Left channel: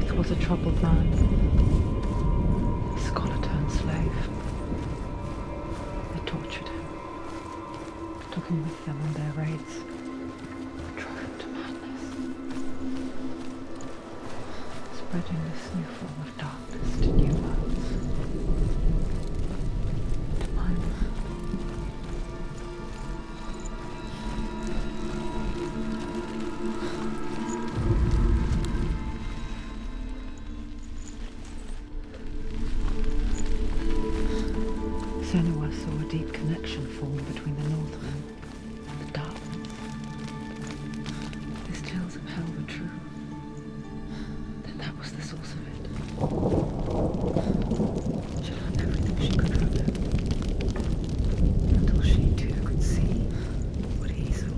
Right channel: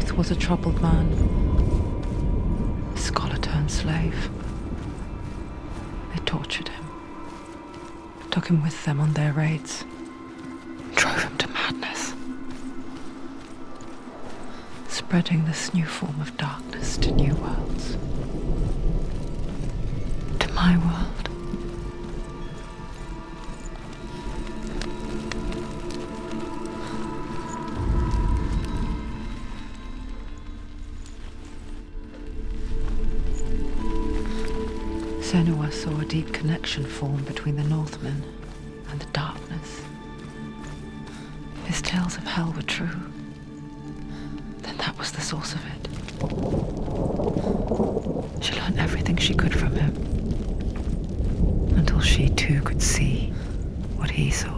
truth was a troubled man, a scholar turned slave. They tortured him, took him with them on their raids, drove him to madness, spreading this new form of darkness to new worlds, to my world. Senua saw a deep connection form between the Northmen and the darkness. His tales of hell were true. Then that was the source of it. She learned everything she could from him, until she too could see what he saw.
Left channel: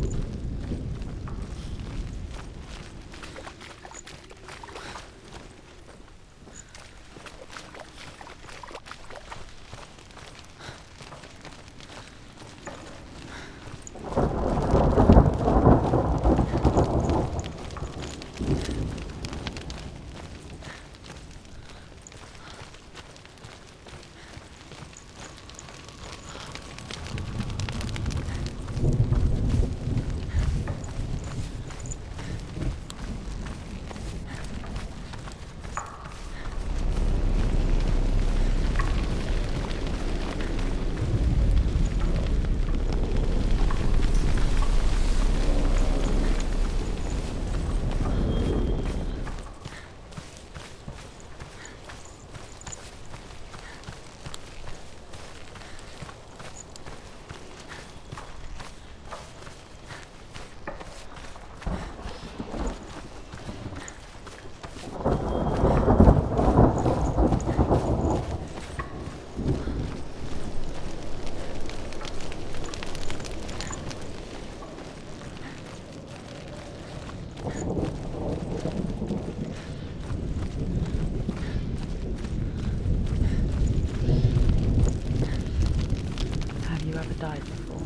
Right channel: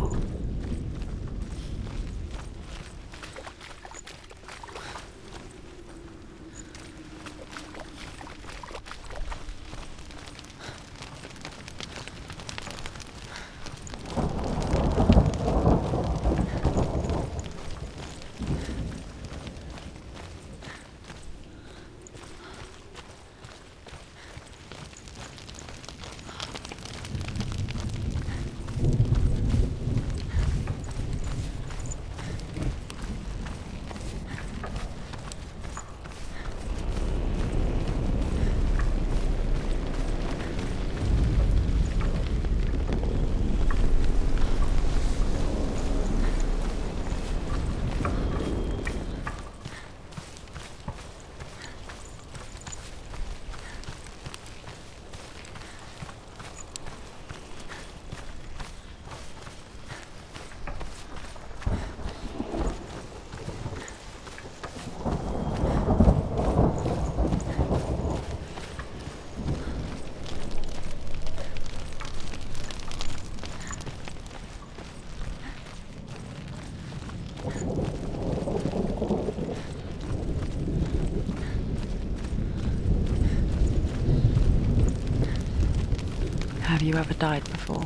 Have you ever died before?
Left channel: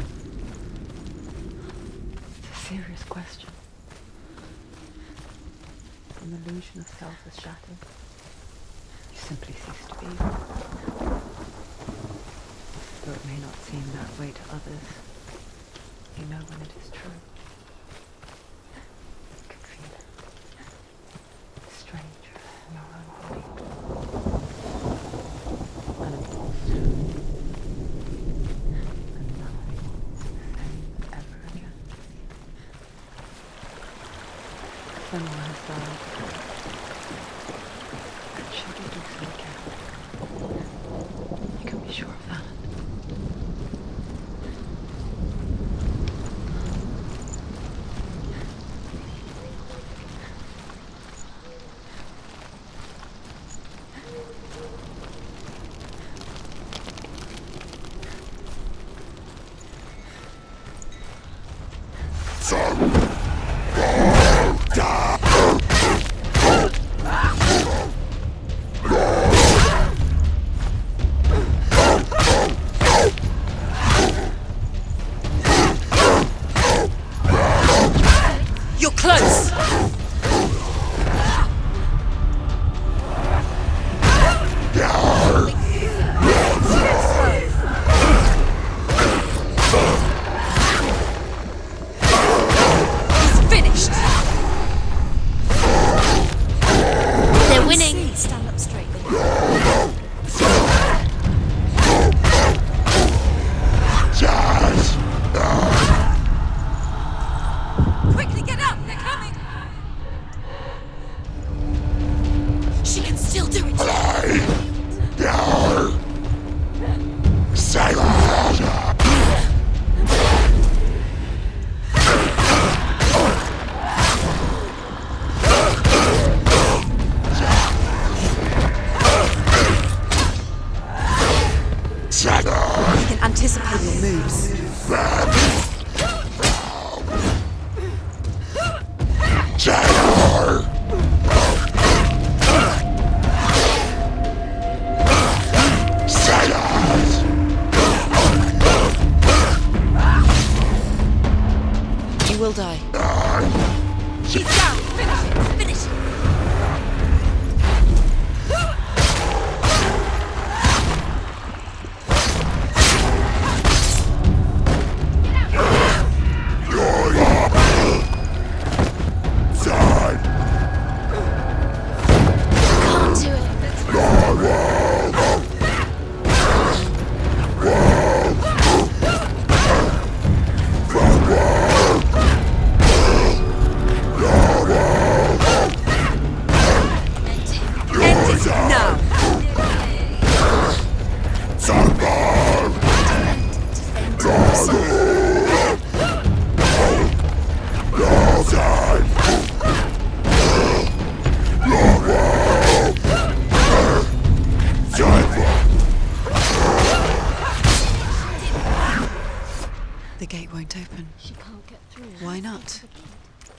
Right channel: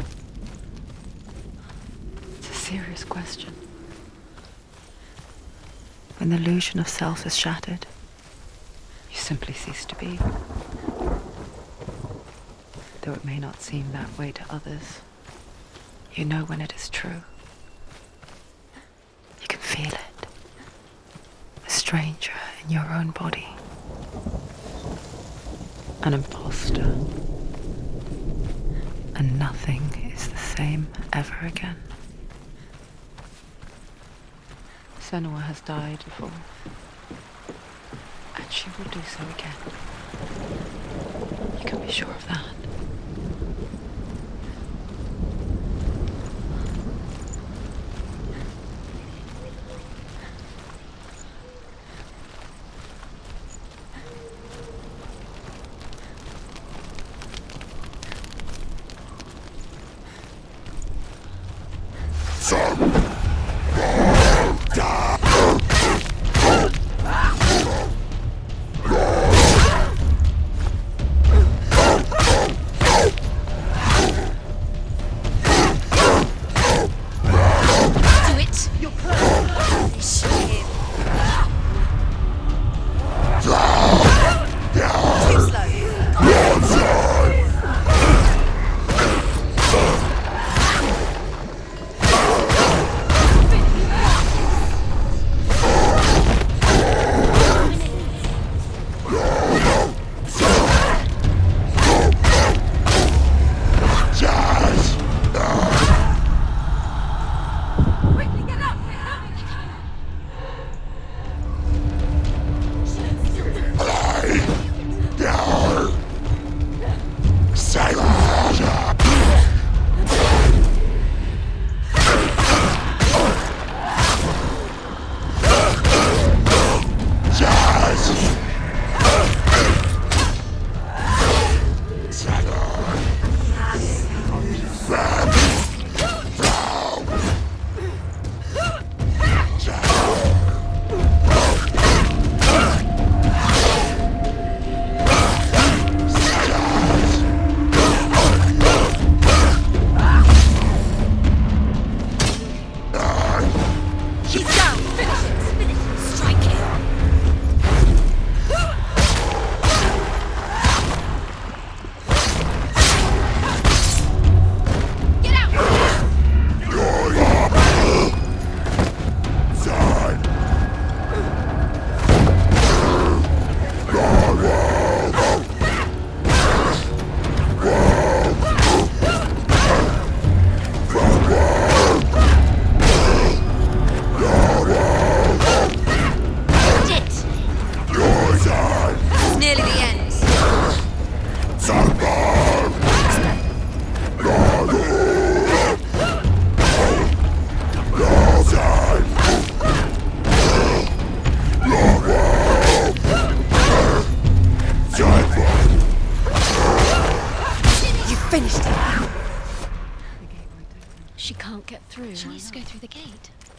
It's a serious question. When the illusion of self is shattered, you simply cease to be. Though it may not seem that way to others, you know when it is true. You can feel it. A stranger in your own body. An imposter. And nothing is the same ever again. Senua has died before, and she will do so again. You can be sure of that.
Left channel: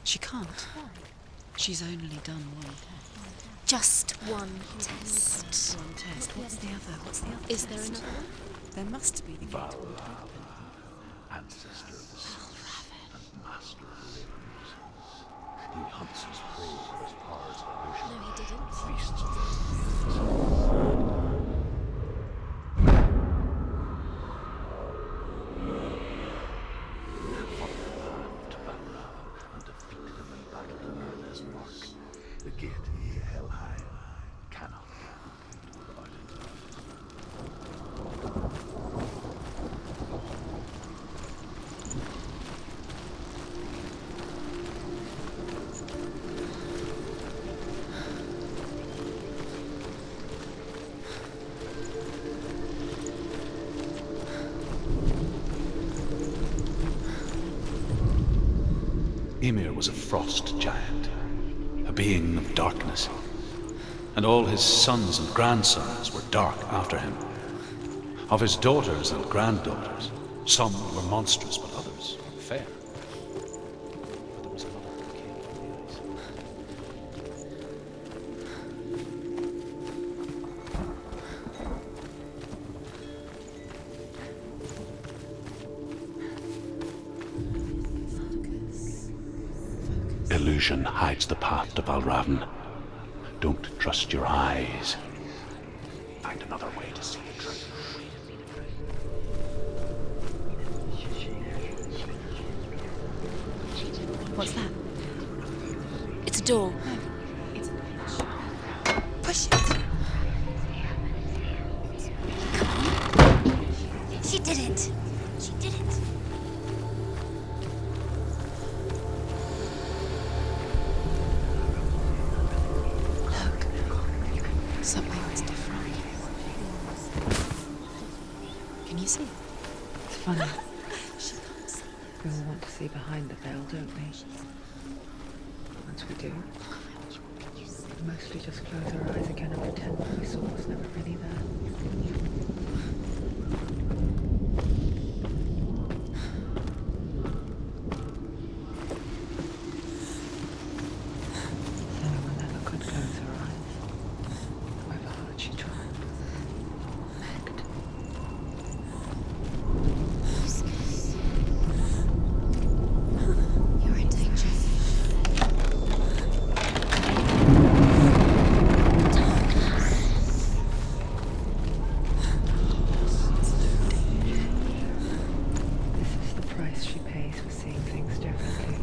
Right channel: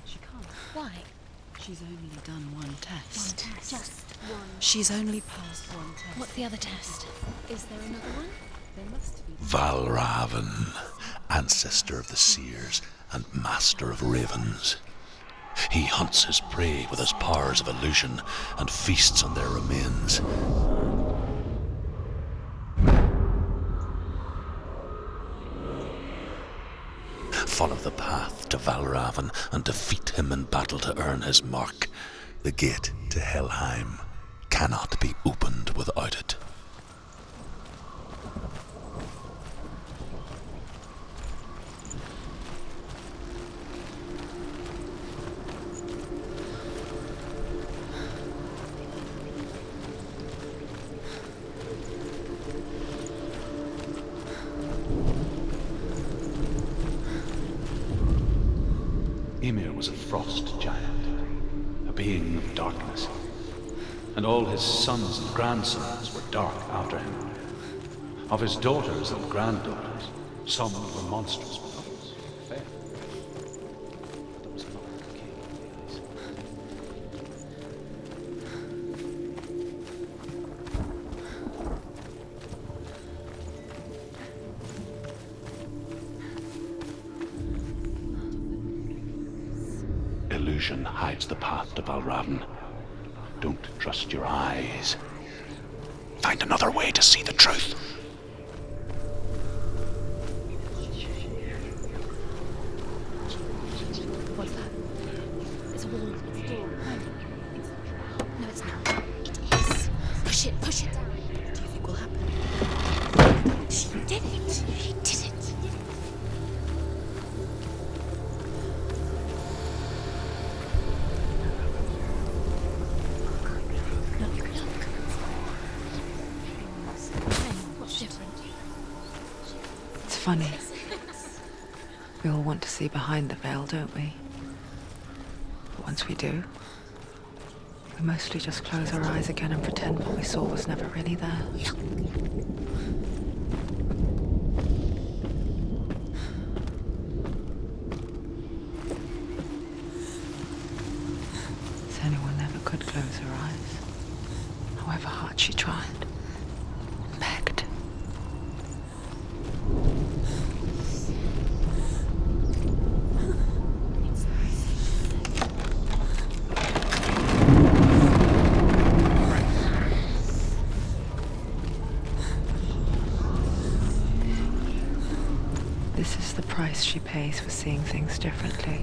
She can't. Why? She's only done one test. Just one. She's only passed one test. What's the other test? Is there another one? There must be. Valravan, ancestor of the seers and master of ravens. He hunts his prey with his powers of illusion and feasts on their remains. Follow the path to Valravan and defeat him in battle to earn his mark. The gate to Helheim cannot be opened without it. Ymir was a frost giant, a being of darkness, and all his sons and grandsons were dark after him. Of his daughters and granddaughters, some were monstrous, but others fair. But there was another king in the ice. Illusion hides the path to Valravan. Don't trust your eyes. Find another way to see the truth. What's that? It's a door. Push it. Push it. Push it. She did it. She did it. She did it. It's funny. We all want to see behind the veil, don't we? But once we do, we mostly just close our eyes again and pretend what we saw was never really there. Anyone never could close her eyes, however hard she tried. Begged. You're in danger. This is the price she pays for seeing things differently.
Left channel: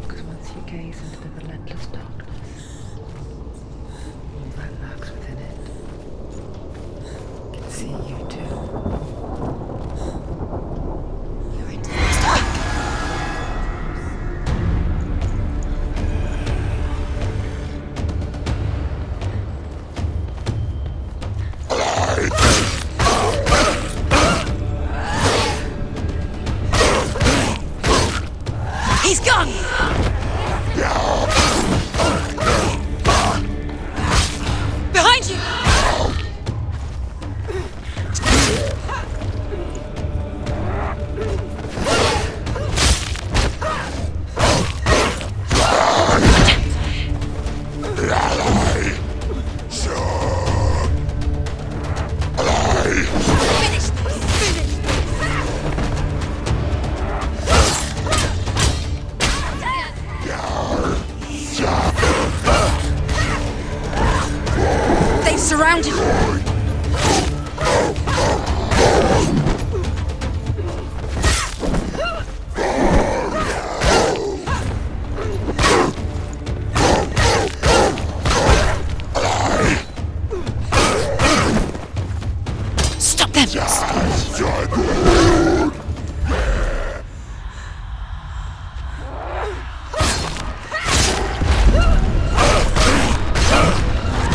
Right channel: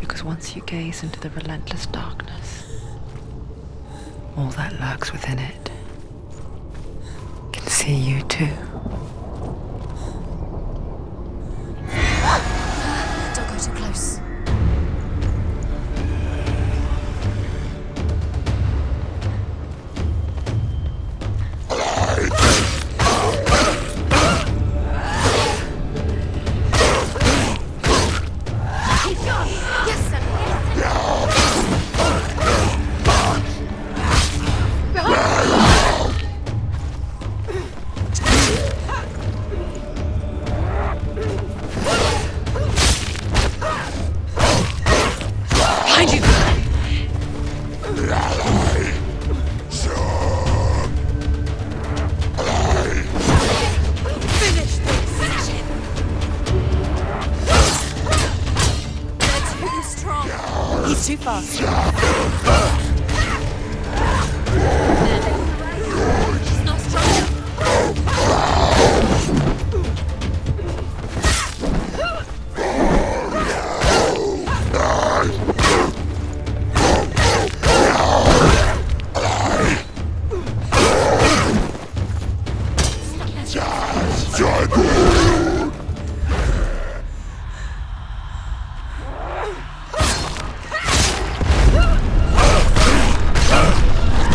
Because once you gaze into the relentless darkness, all that lurks within it can see you too. You're in danger. Don't go too close. He's gone! Behind you! He's too fast. They've surrounded him. Stop them!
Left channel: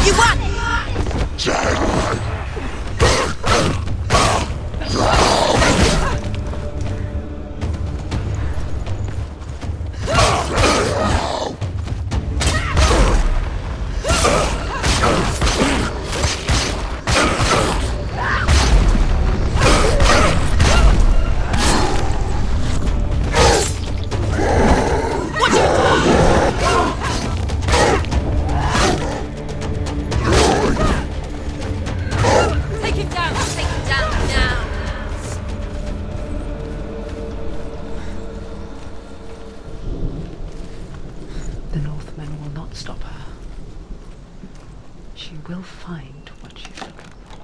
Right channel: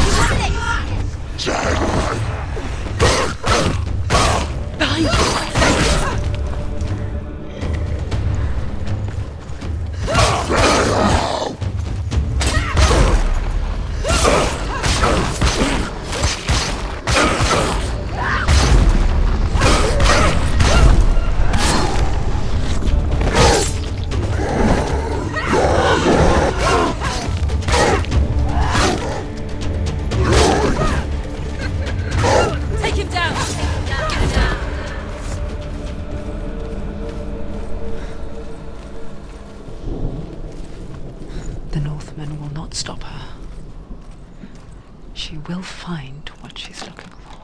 You got it! will find what she's looking for.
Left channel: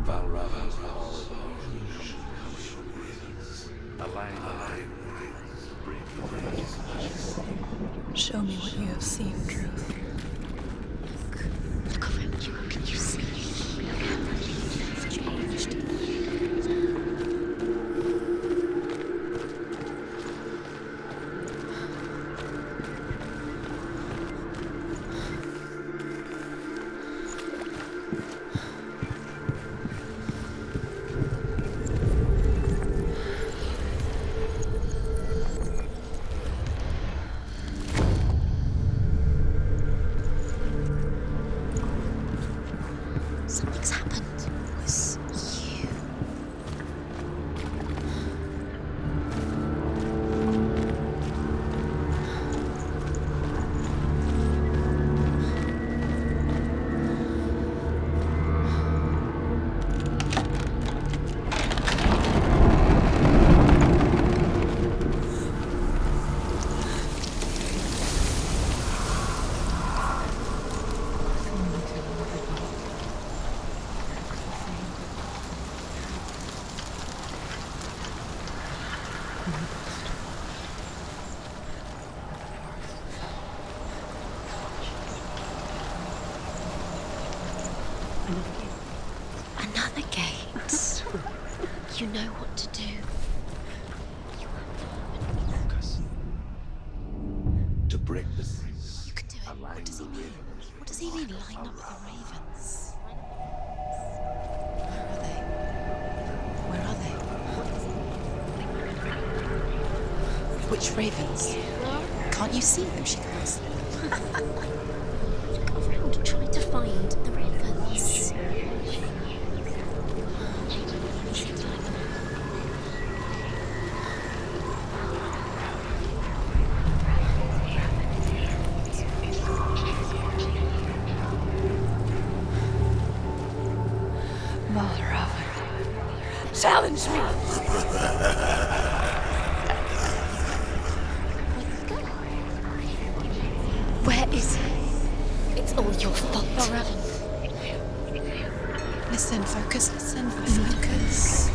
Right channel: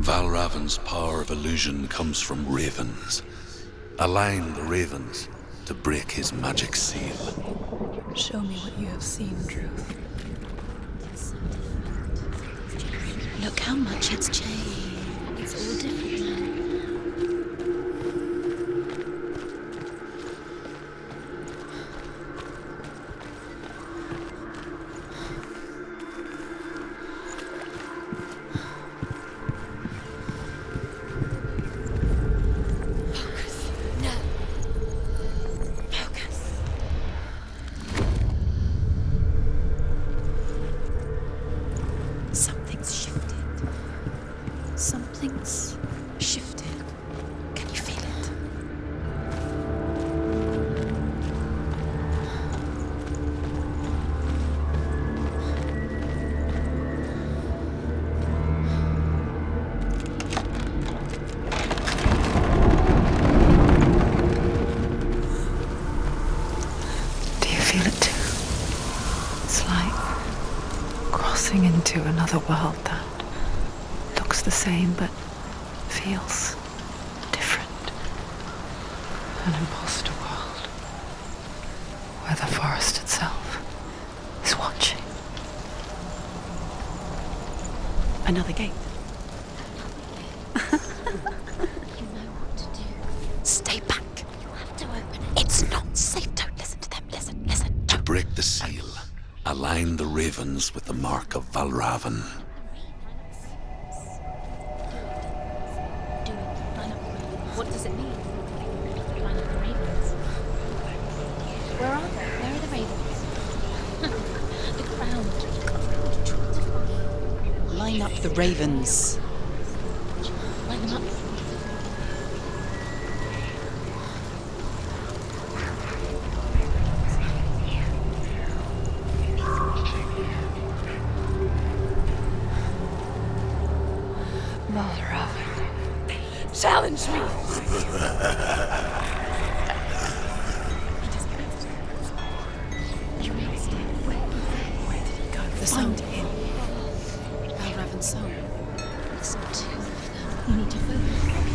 Valravan's power of illusion comes from ravens. Align the ravens to break his magic seal. Show me what you have seen, Truth. Look how much it's changed. It's all different. Something's shifted. Something's happened. Something huge shifted. Can you feel it? Do you feel it too? It's like crossing into another world that looks the same but feels different. An imposter world where the forest itself is watching. Another gate. Another gate. You know what to do. Stay back. You have to open it. It's not safe. Don't listen to them. Listen. To break the seal, align the ravens with the mark of Valravan. Where are they? What does it mean? Which ravens? Can't you see them, Ships? Look around. Try to find the ravens. Line up the ravens. Line up. Valravan. Challenge me! Where is it? It's Find all your fault. I haven't seen you. Listen, focus. Focus.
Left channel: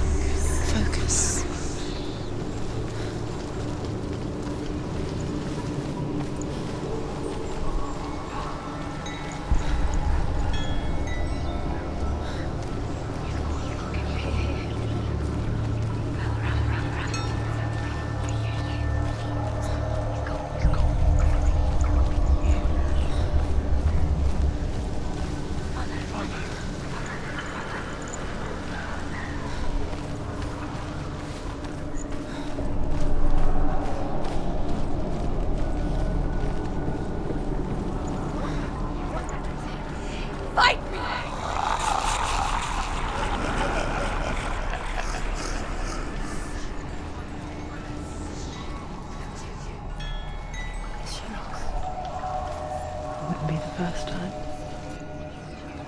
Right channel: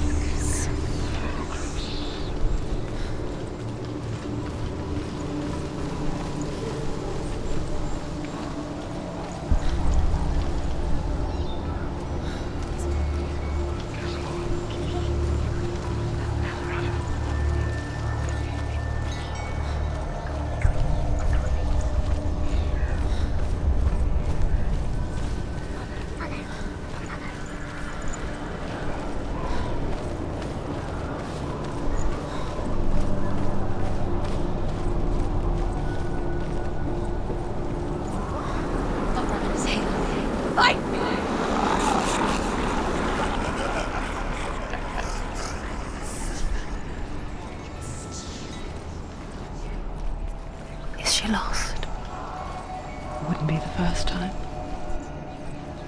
Fight me! Is she lost? It wouldn't be the first time.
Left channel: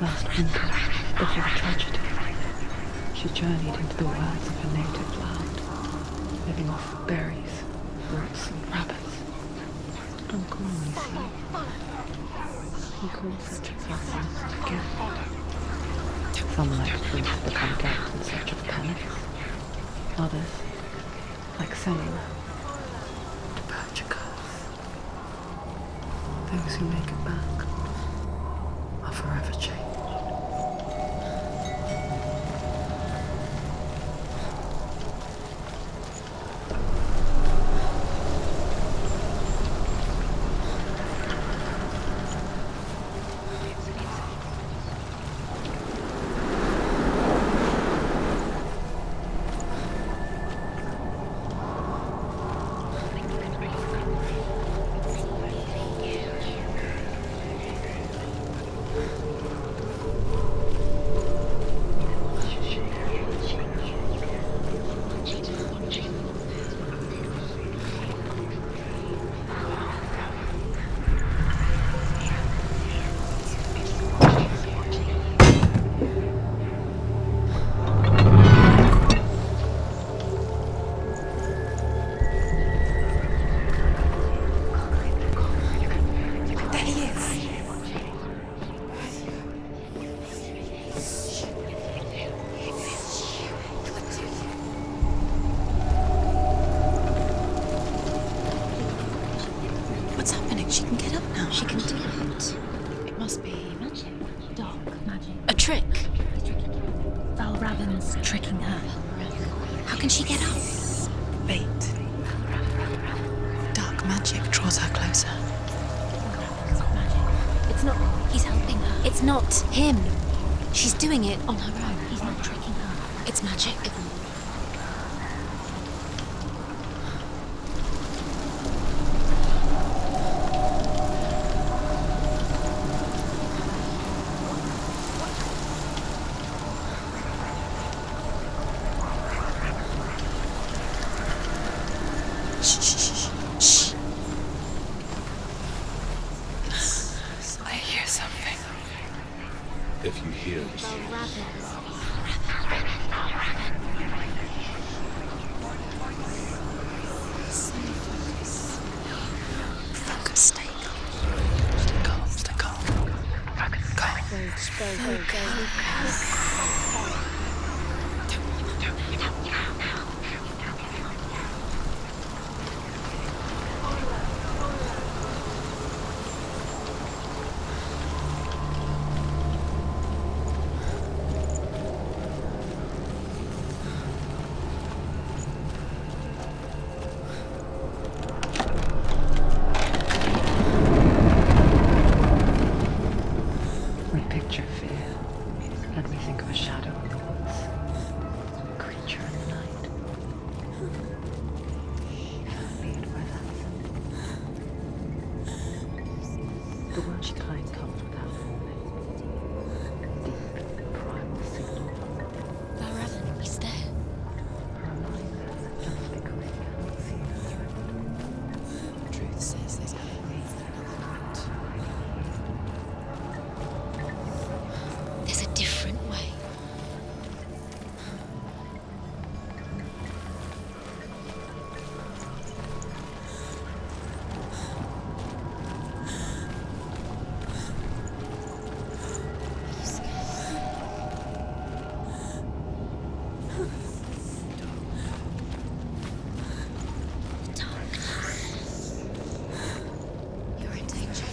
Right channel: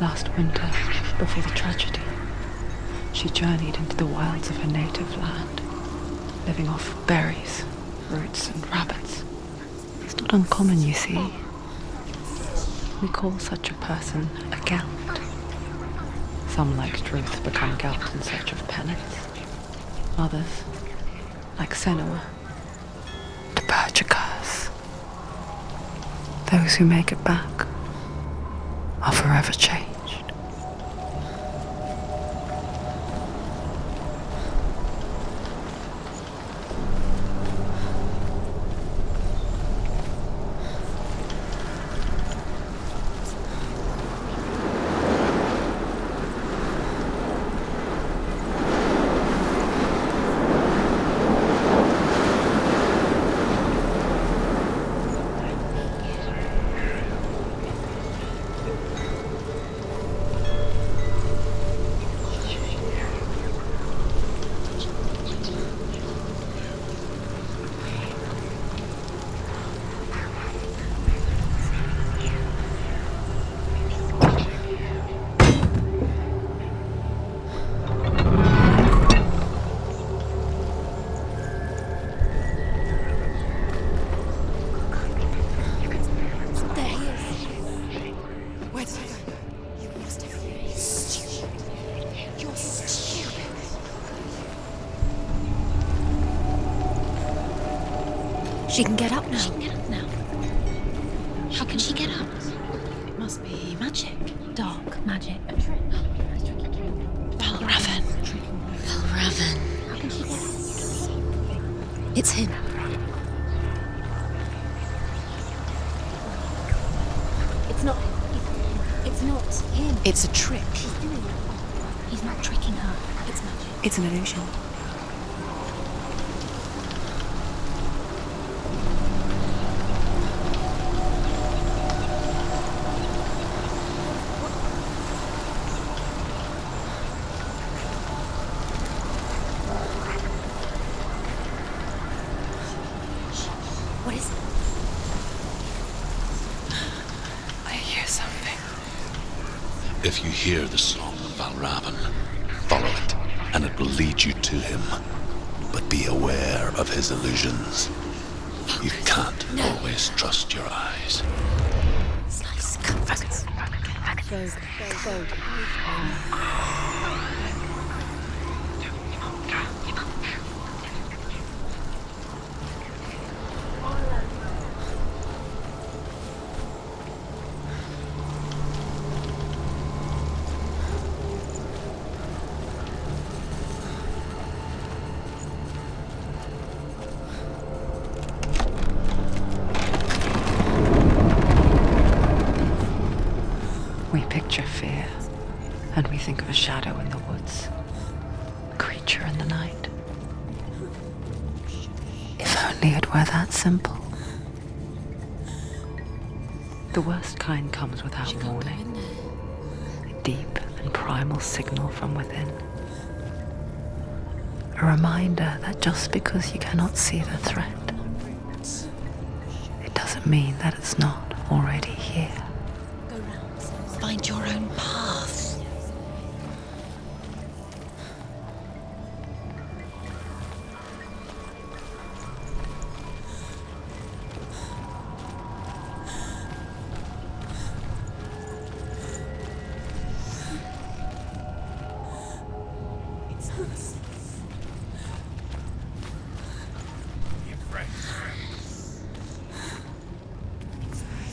Last winter, before the tragedy, she journeyed into the wilds of her native land, living off berries, roots, and rabbits. It's not uncommon, you see. We call such a person a Gelt. Some, like Truth, become Gelt in search of penance. Others, like Senua, to purge a curse. Those who make it back are forever changed. She can get up now. She can get up now. What's happening? She can get up now. She can she get get up. It must be magic. Dark magic. A trick. Valravan. Tricking her. Valravan. How can she get up? Bait. It's him. Dark magic draws her closer. It's not. He's helping her. It's not him. It's a trick. She's doing it on her own. He's not tricking her. It's magic. It's an illusion. What is it? I hear something. If you hear the soul of Valravan, follow it, and it will lead you to him. But be aware of his illusions. You can't always trust your eyes. We picture fear, and we think of a shadow in the woods, a creature in the night. If only it were that simple. The worst kind comes without warning, a deep and primal signal from within. He's there. A reminder that just because you cannot see the threat, it doesn't mean that it's not already here. Find your own path. There's a different way. You're in danger.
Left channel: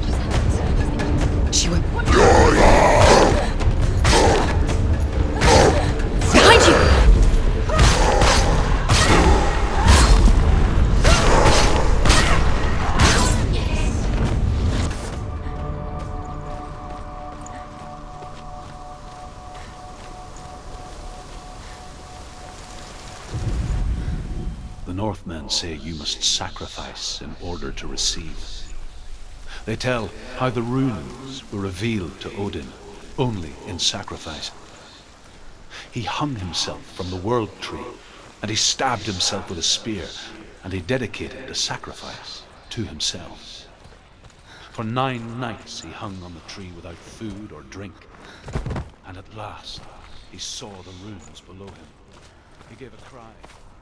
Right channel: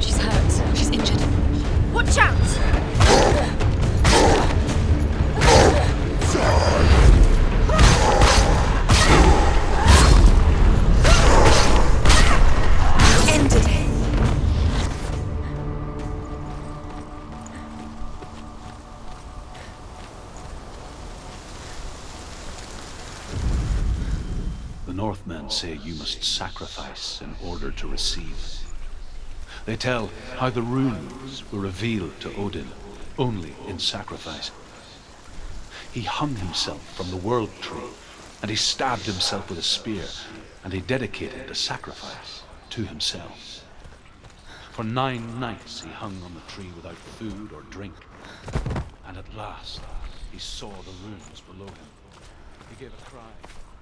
She's hurt. She's injured. She won't. What? Behind you! Ended it. The Northmen say you must sacrifice in order to receive. They tell how the runes were revealed to Odin only in sacrifice. He hung himself from the world tree, and he stabbed himself with a spear, and he dedicated the sacrifice to himself. For 9 nights he hung on the tree without food or drink, and at last he saw the runes below him. He gave a cry.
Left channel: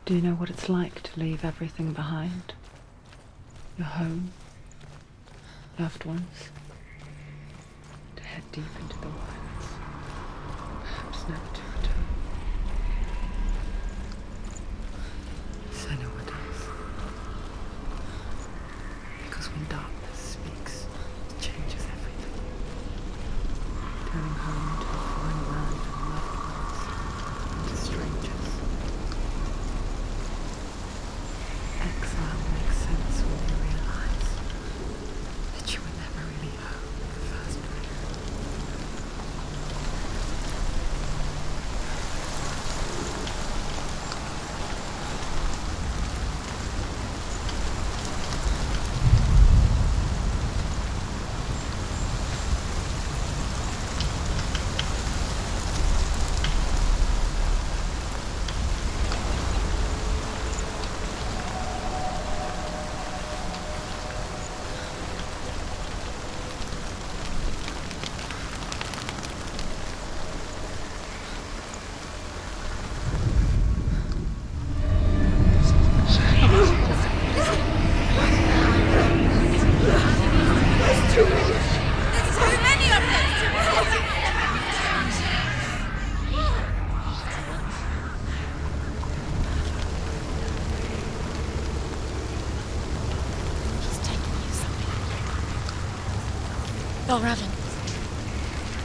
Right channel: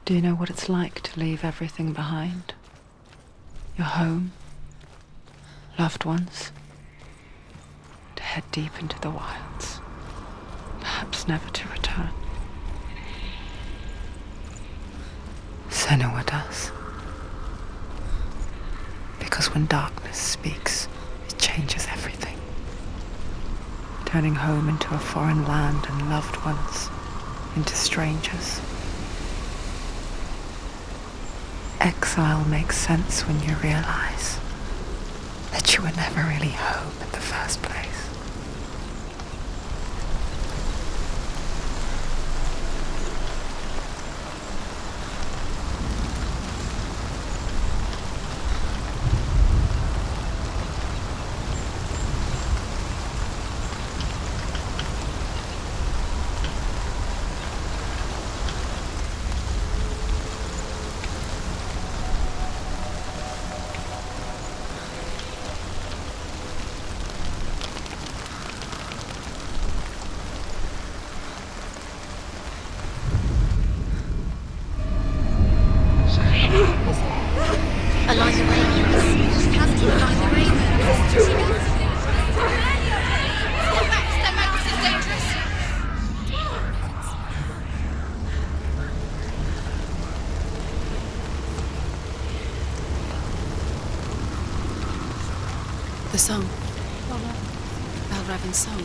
Do you know what it's like to leave everything behind? Your home, loved ones, to head deep into the wilds, perhaps never to return. Senua does. Because when darkness speaks, it changes everything, turning home into a foreign land and loved ones into strangers. Exile makes sense when you realize that you were never really home in the first place. The song. Balraven's song.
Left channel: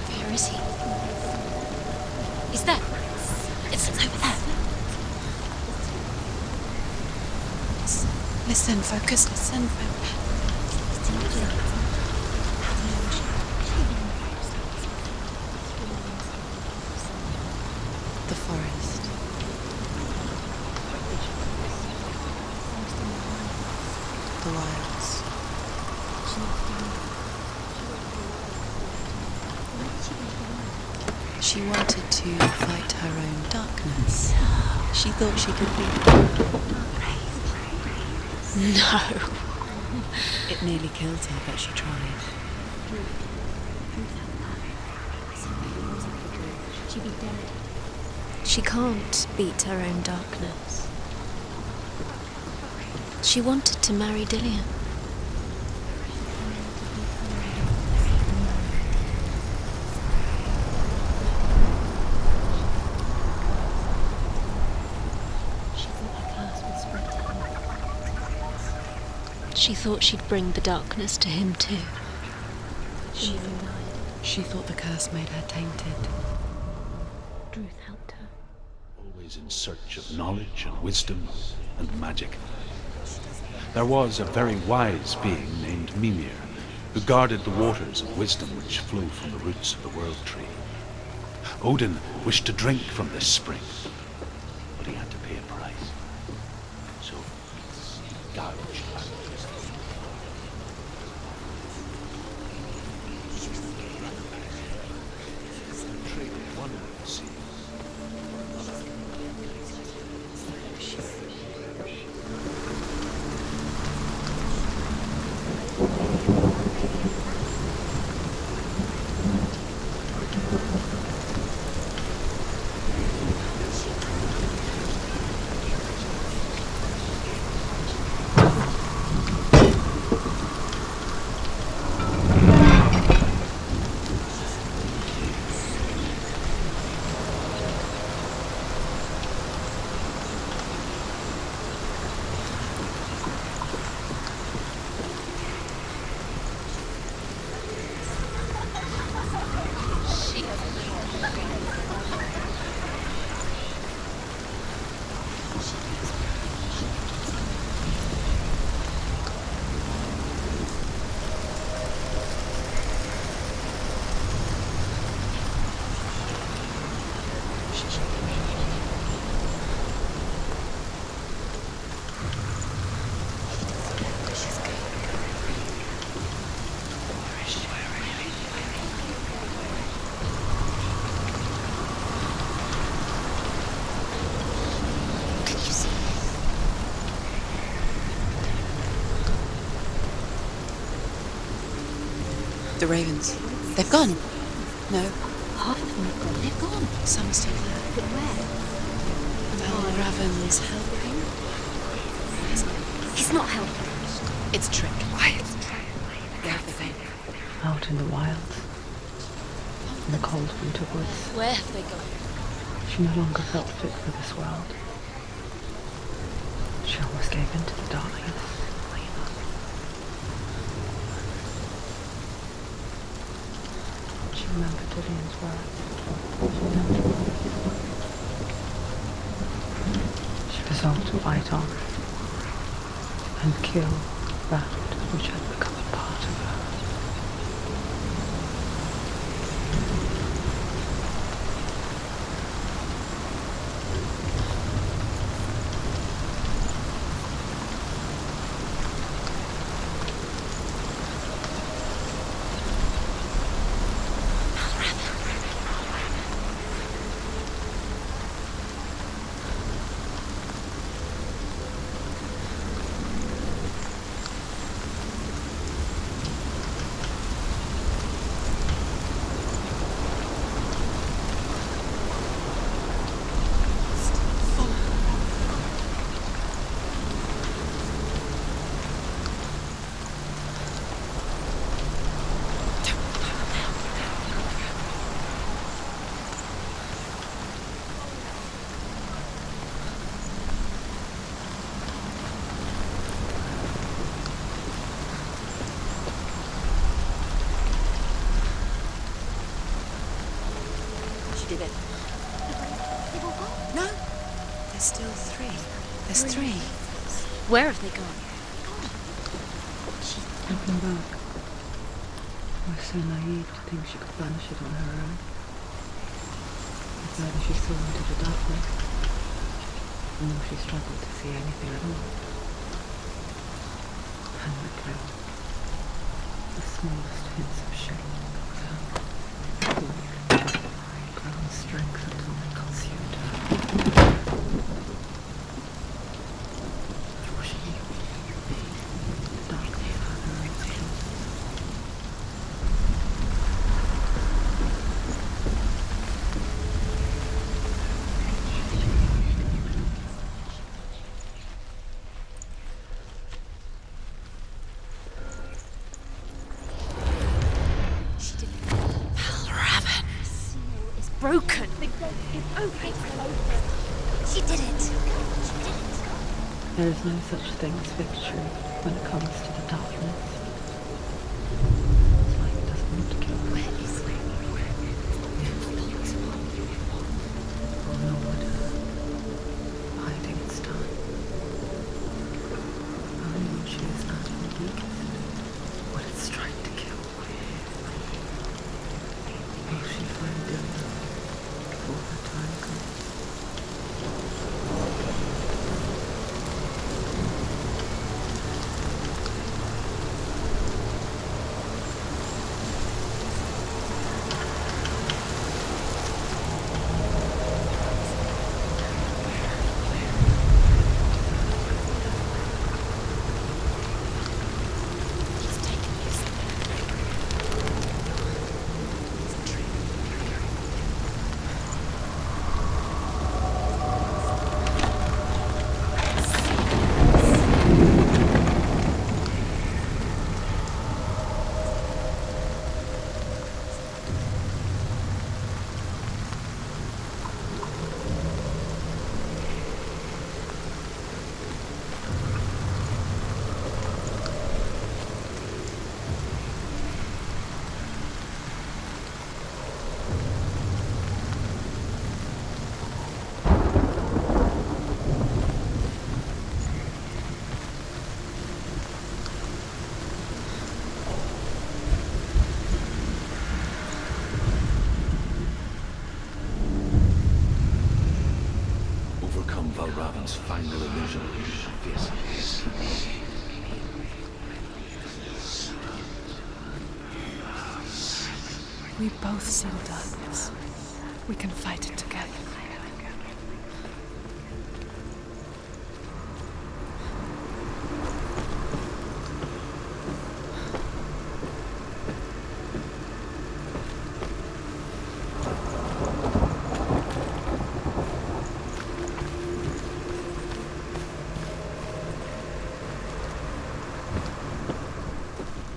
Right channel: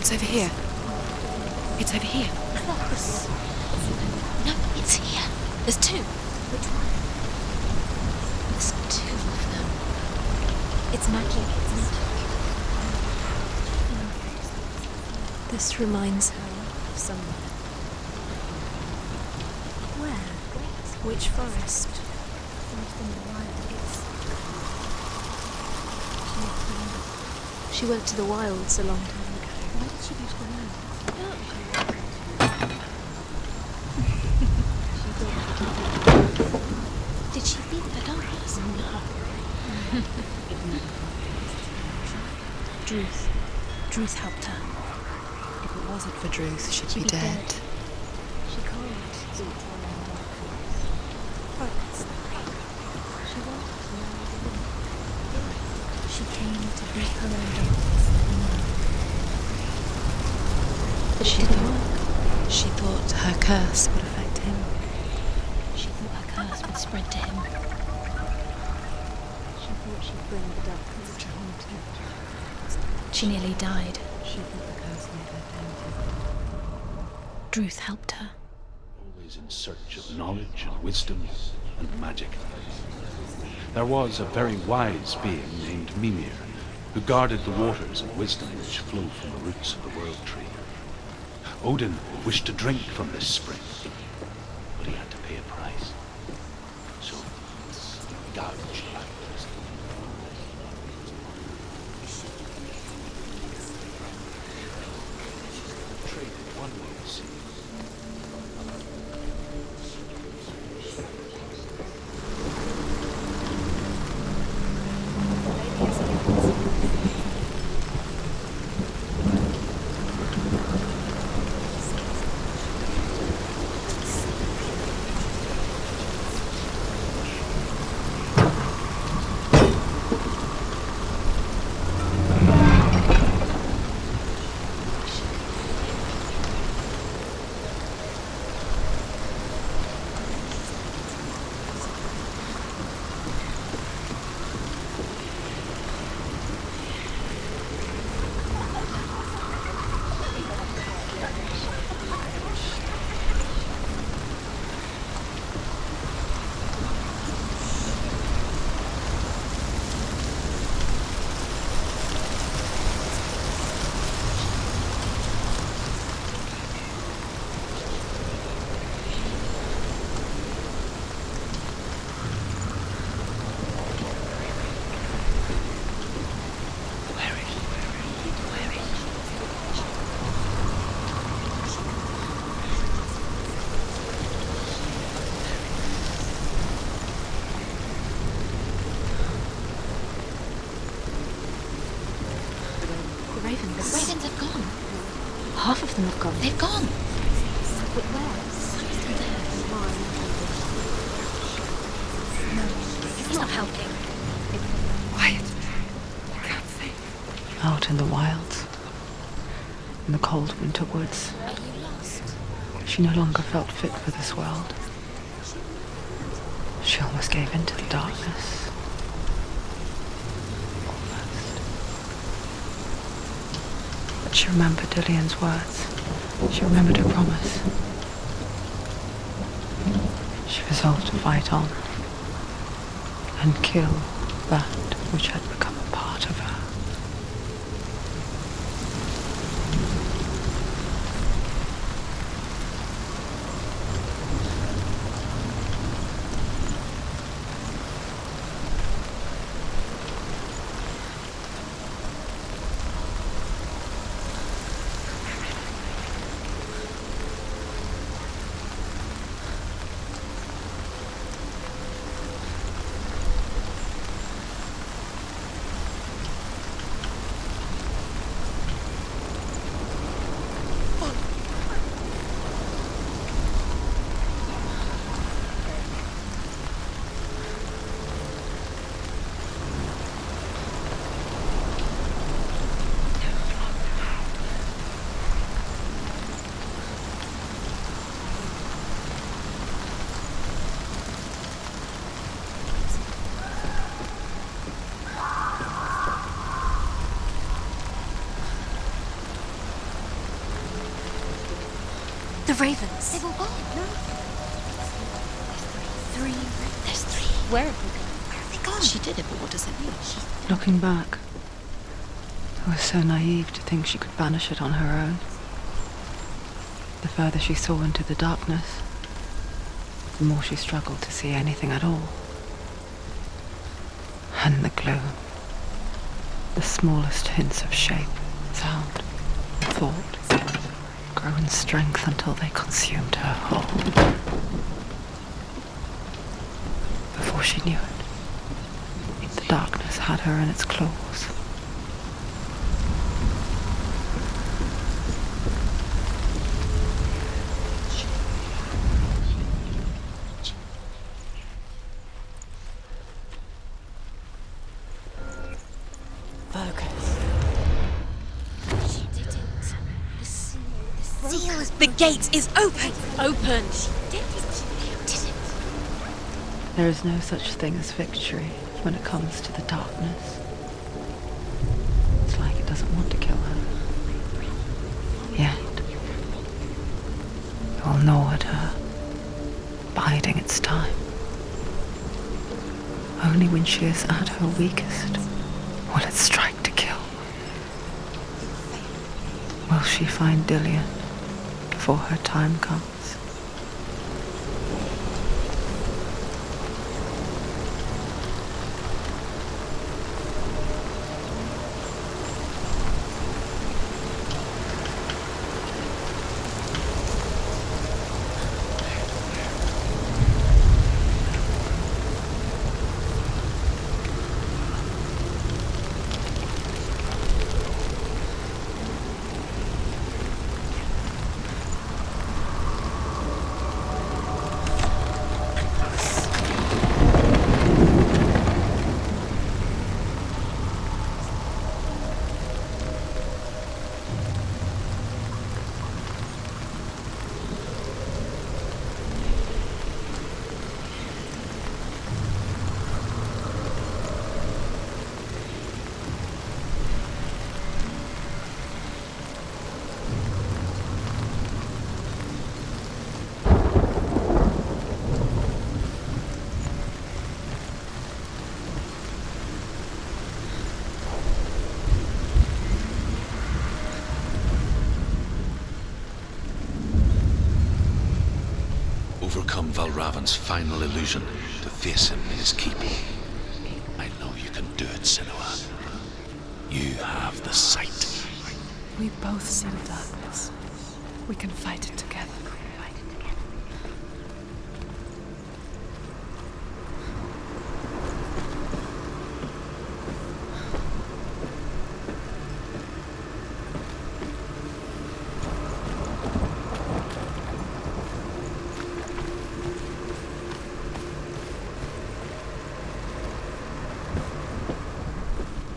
It's over here. It's over here. Is that? It's over there. No, it's here. There's 2. Listen, focus, listen. It's my place. This reminds her of somewhere. The forest. Where? Which forest? Forest in the wilds. The wilds. She went to the wilds a long time ago. Why did she go to the wilds? She wanted to fight her own darkness. She thought she could beat it. Did she beat the darkness? No. It nearly killed her, but she tried. Druth helped her. If it wasn't for Druth, she'd be dead. She can't beat her own darkness. She wanted to marry Dillion. She came to break her own darkness. But she didn't. She thought her curse would affect him. She thought her curse would spread to him. She thought she'd bring the darkness to him too. She nearly died. She thought the curse made her tainted. Druth helped her. Always in search of knowledge and wisdom and magic. There was a very wise being named Mimir, who guarded the waters of wisdom which flow from the roots of the world tree. Odin wished to drink from this spring, but he had to pay a price. So he gouged out his traded one way of seeing for another. The ravens. The ravens. They've gone. They've gone. No. Half of them have gone. They've gone. Some are still there. But where? Ravens. He's not helping. It's a trick. Quiet. I can't think. Out in the wilds, in the cold winter woods, Where have they gone? she no longer felt fit for this world. She almost gave in to the darkness. But she remembered Dillion's words. She remembered her promise. She resolved to fight on and kill that which had become a part of her. The ravens. They've all gone. No. There's still three. There's three. There's three. Where have they gone? They're gone. She did it. What does it mean? Looking back, it was so naive to think she could banish it on her own. The further she saw into the darkness, the more she struggled to see anything at all. And the gloom, the smallest hints of shape, sound, thought, grew in strength until they consumed her whole. Before she knew it, the darkness had her in its claws. Broken. The gate is open. Open. She did it. There is no such thing as victory when it comes to the darkness. It's like it doesn't want to kill her. Yet, it will gnaw at her, biding its time. Only when she is at her weakest will it strike to kill. Will she find Dillion before her time comes? Overcome Valravan's final illusion to face him in his keeping. I know you can do it, Senua. You have the sight. We both see the darkness. We can fight it together.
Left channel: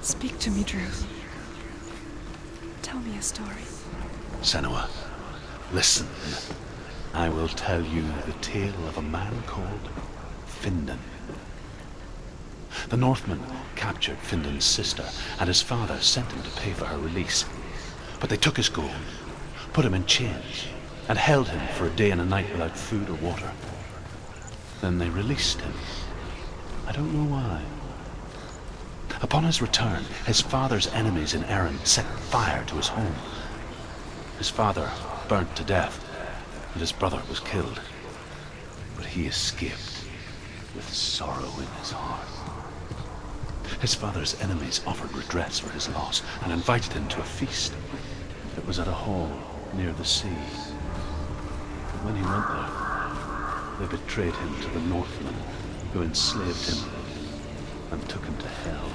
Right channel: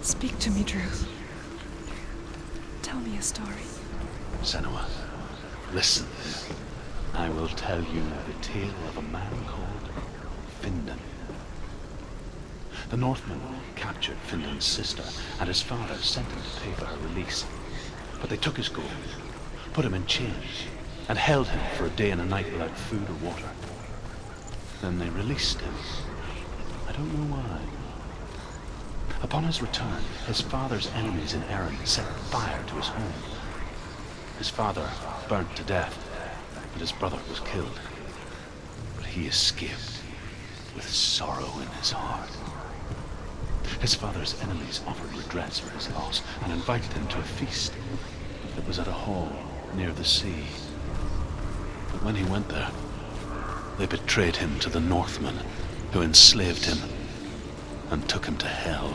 Speak to me, Drew. Tell me a story. Senua, listen. I will tell you the tale of a man called Findan. The Northmen captured Findan's sister, and his father sent him to pay for her release. But they took his gold, put him in chains, and held him for a day and a night without food or water. Then they released him. I don't know why. Upon his return, his father's enemies in Erin set fire to his home. His father burnt to death, and his brother was killed. But he escaped with sorrow in his heart. His father's enemies offered redress for his loss and invited him to a feast that was at a hall near the sea. But when he went there, they betrayed him to the Northmen, who enslaved him and took him to hell.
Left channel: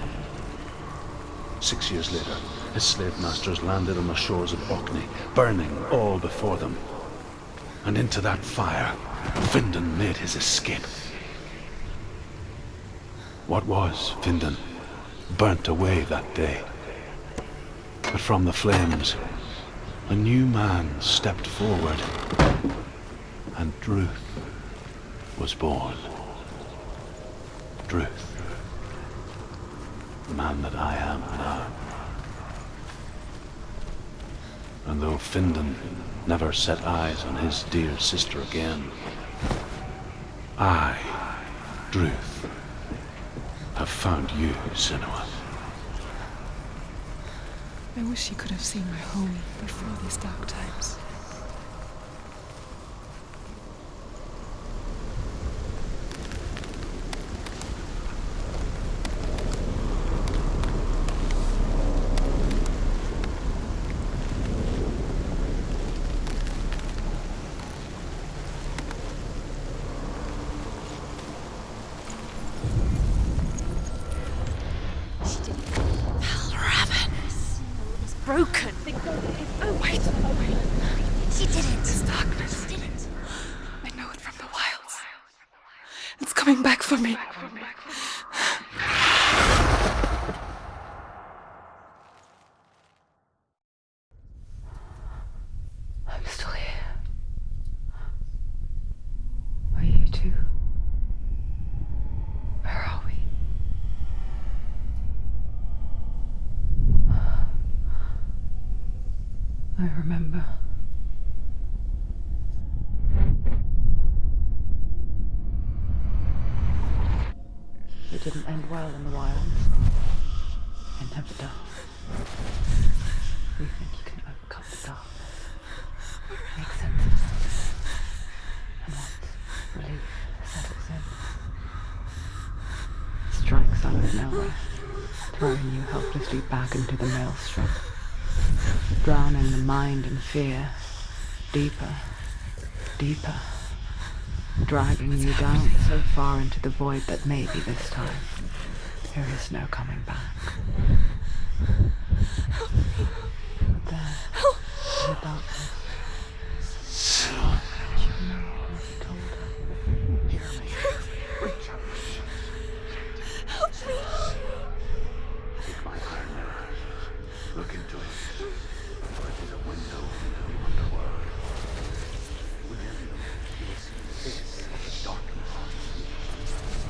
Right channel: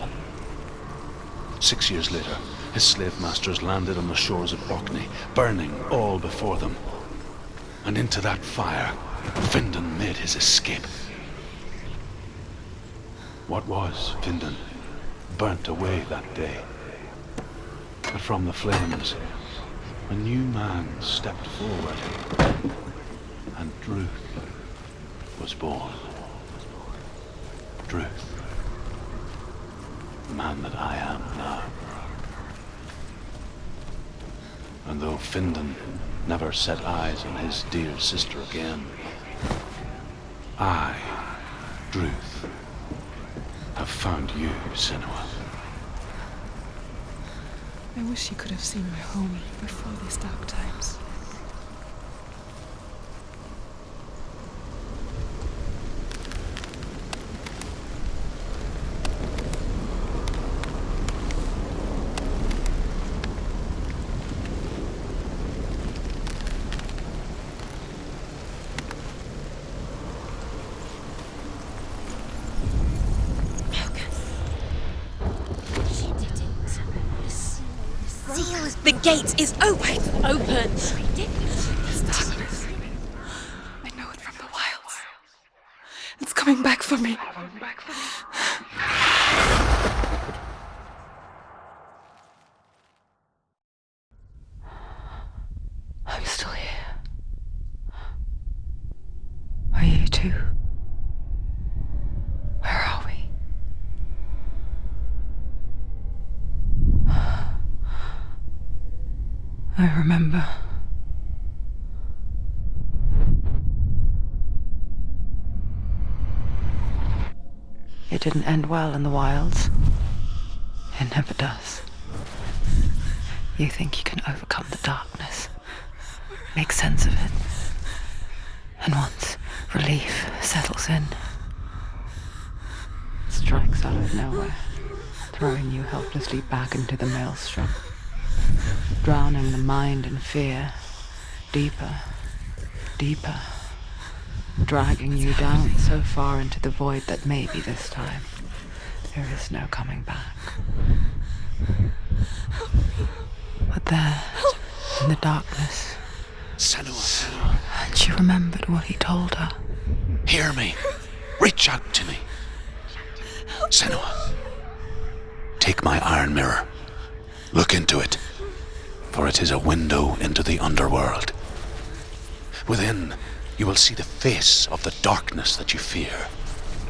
6 years later, his slave masters landed on the shores of Orkney, burning all before them. And into that fire, Findan made his escape. What was Findan burnt away that day. But from the flames, a new man stepped forward, and Druth was born. Druth, the man that I am now. And though Findan never set eyes on his dear sister again, I, Druth, have found you, Senua. I wish you could have seen my home before these dark times. The gate is open. This darkness. I know it from the wilds. It's coming back for me. I'm still here. Are you too? Where are we? I remember. It didn't end well in the wilds. It never does. You think you can overcome the darkness, make sense of it, and once relief settles in, it strikes out of nowhere, throwing you helplessly back into the maelstrom, drowning the mind in fear, deeper, deeper, dragging you down so far into the void that maybe this time there is no coming back. But there, in the darkness, Senua, she remembered what he told her. hear me. Reach out to me. Senua, take my iron mirror. Look into it, for it is a window into the underworld. Within, you will see the face of the darkness that you fear.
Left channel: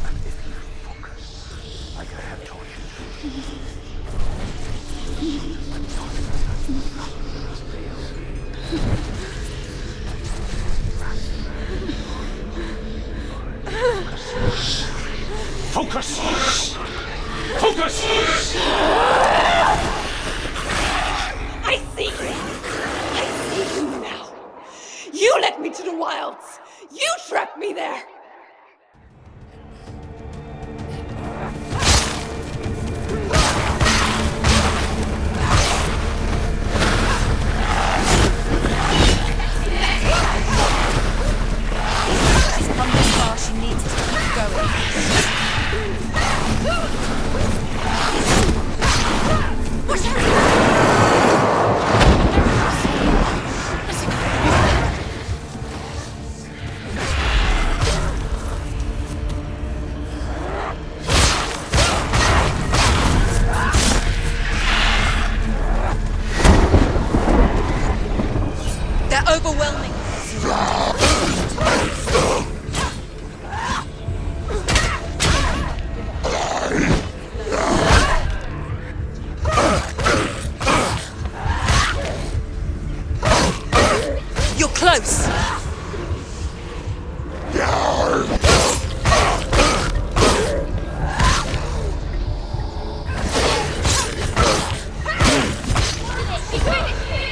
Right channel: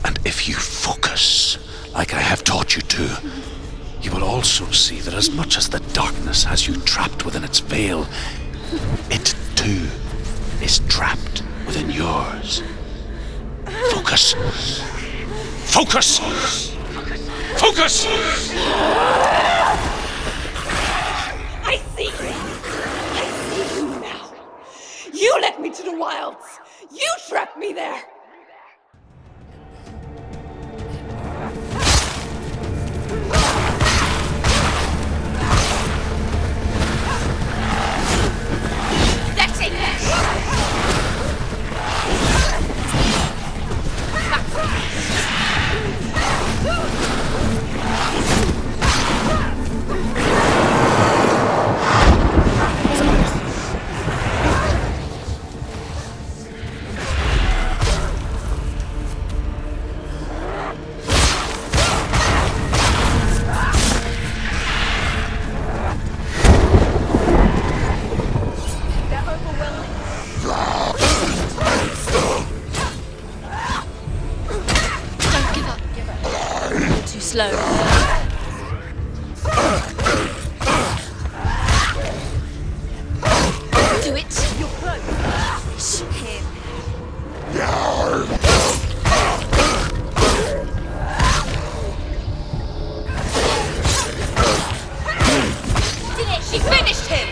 And if you focus, like I have taught you to, you will also see that as much as the darkness has you trapped within its veil, it too is trapped within yours. Focus. Focus! Focus! I see you. I see you now. You led me to the wilds. You trapped me there. overwhelming. Too slow. Do it. You're close. She finished him.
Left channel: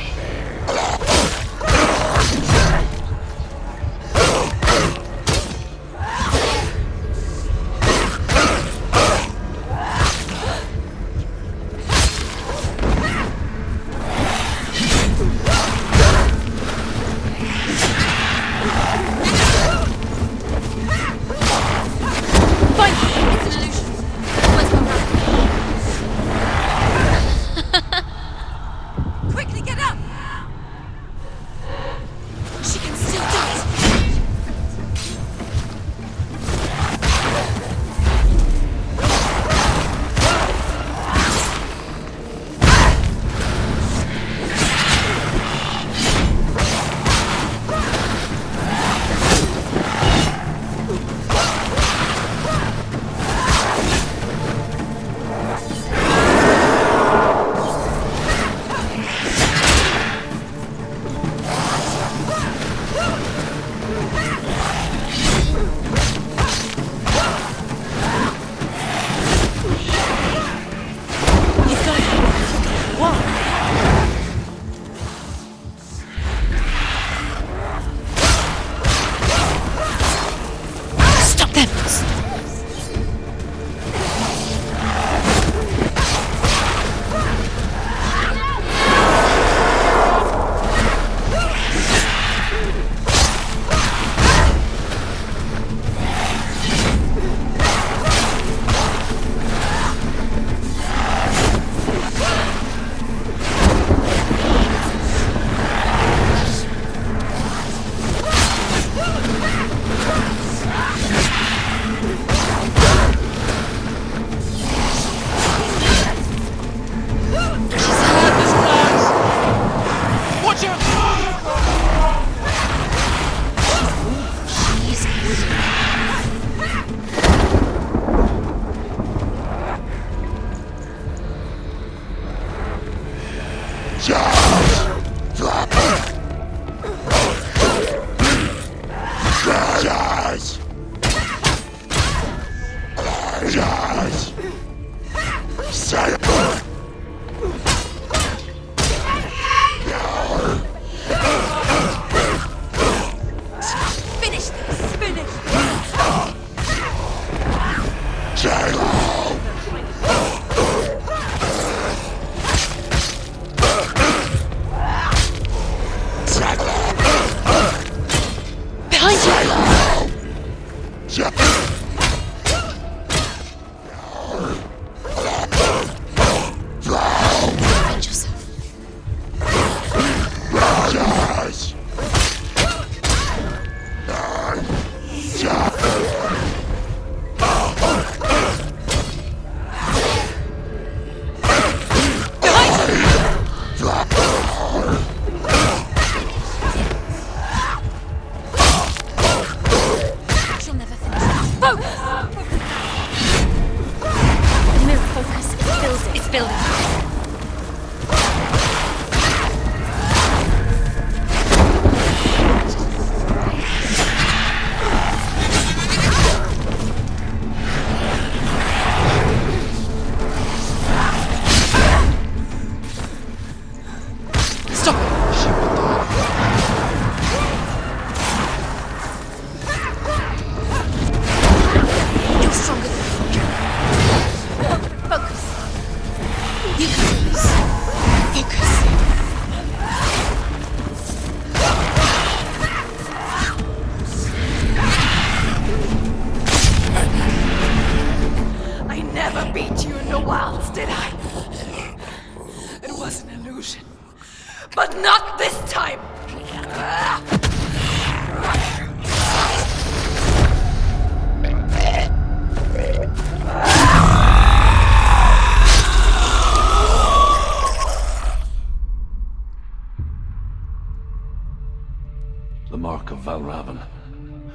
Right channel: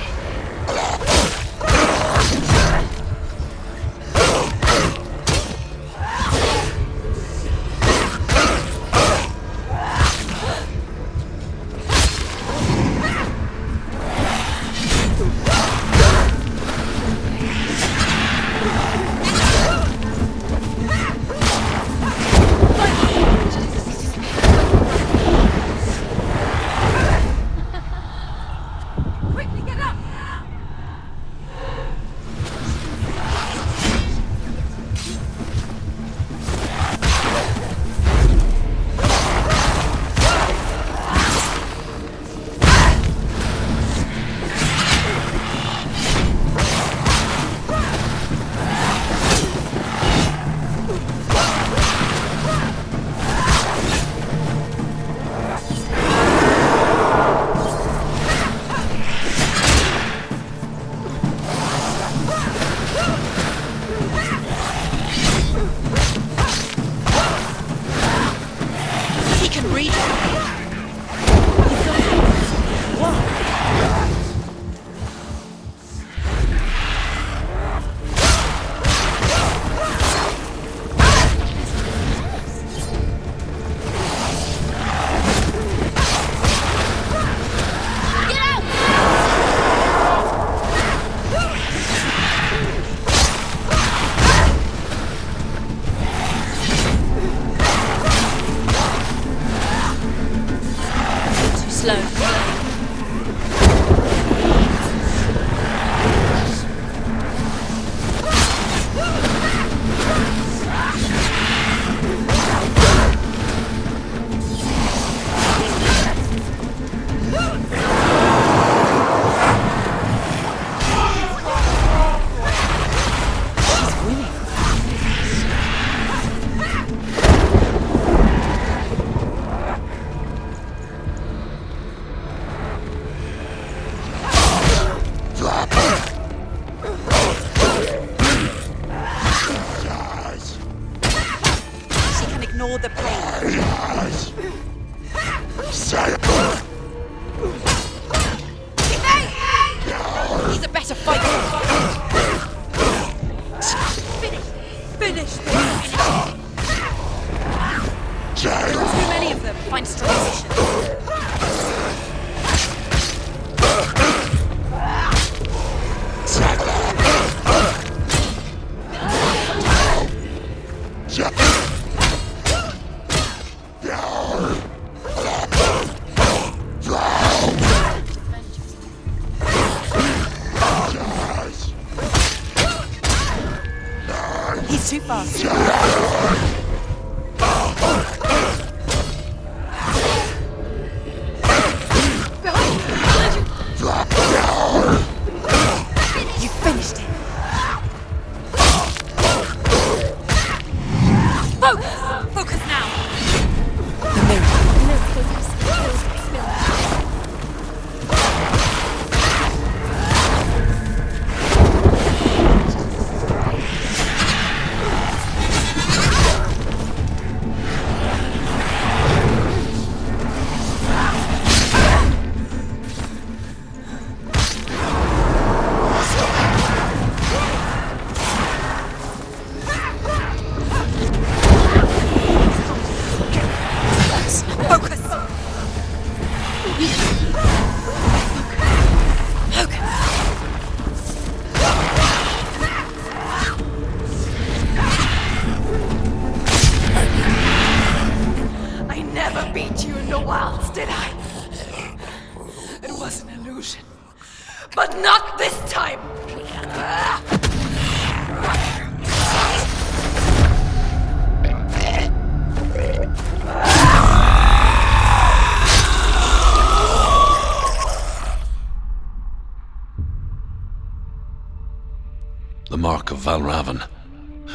The mark of Valravn,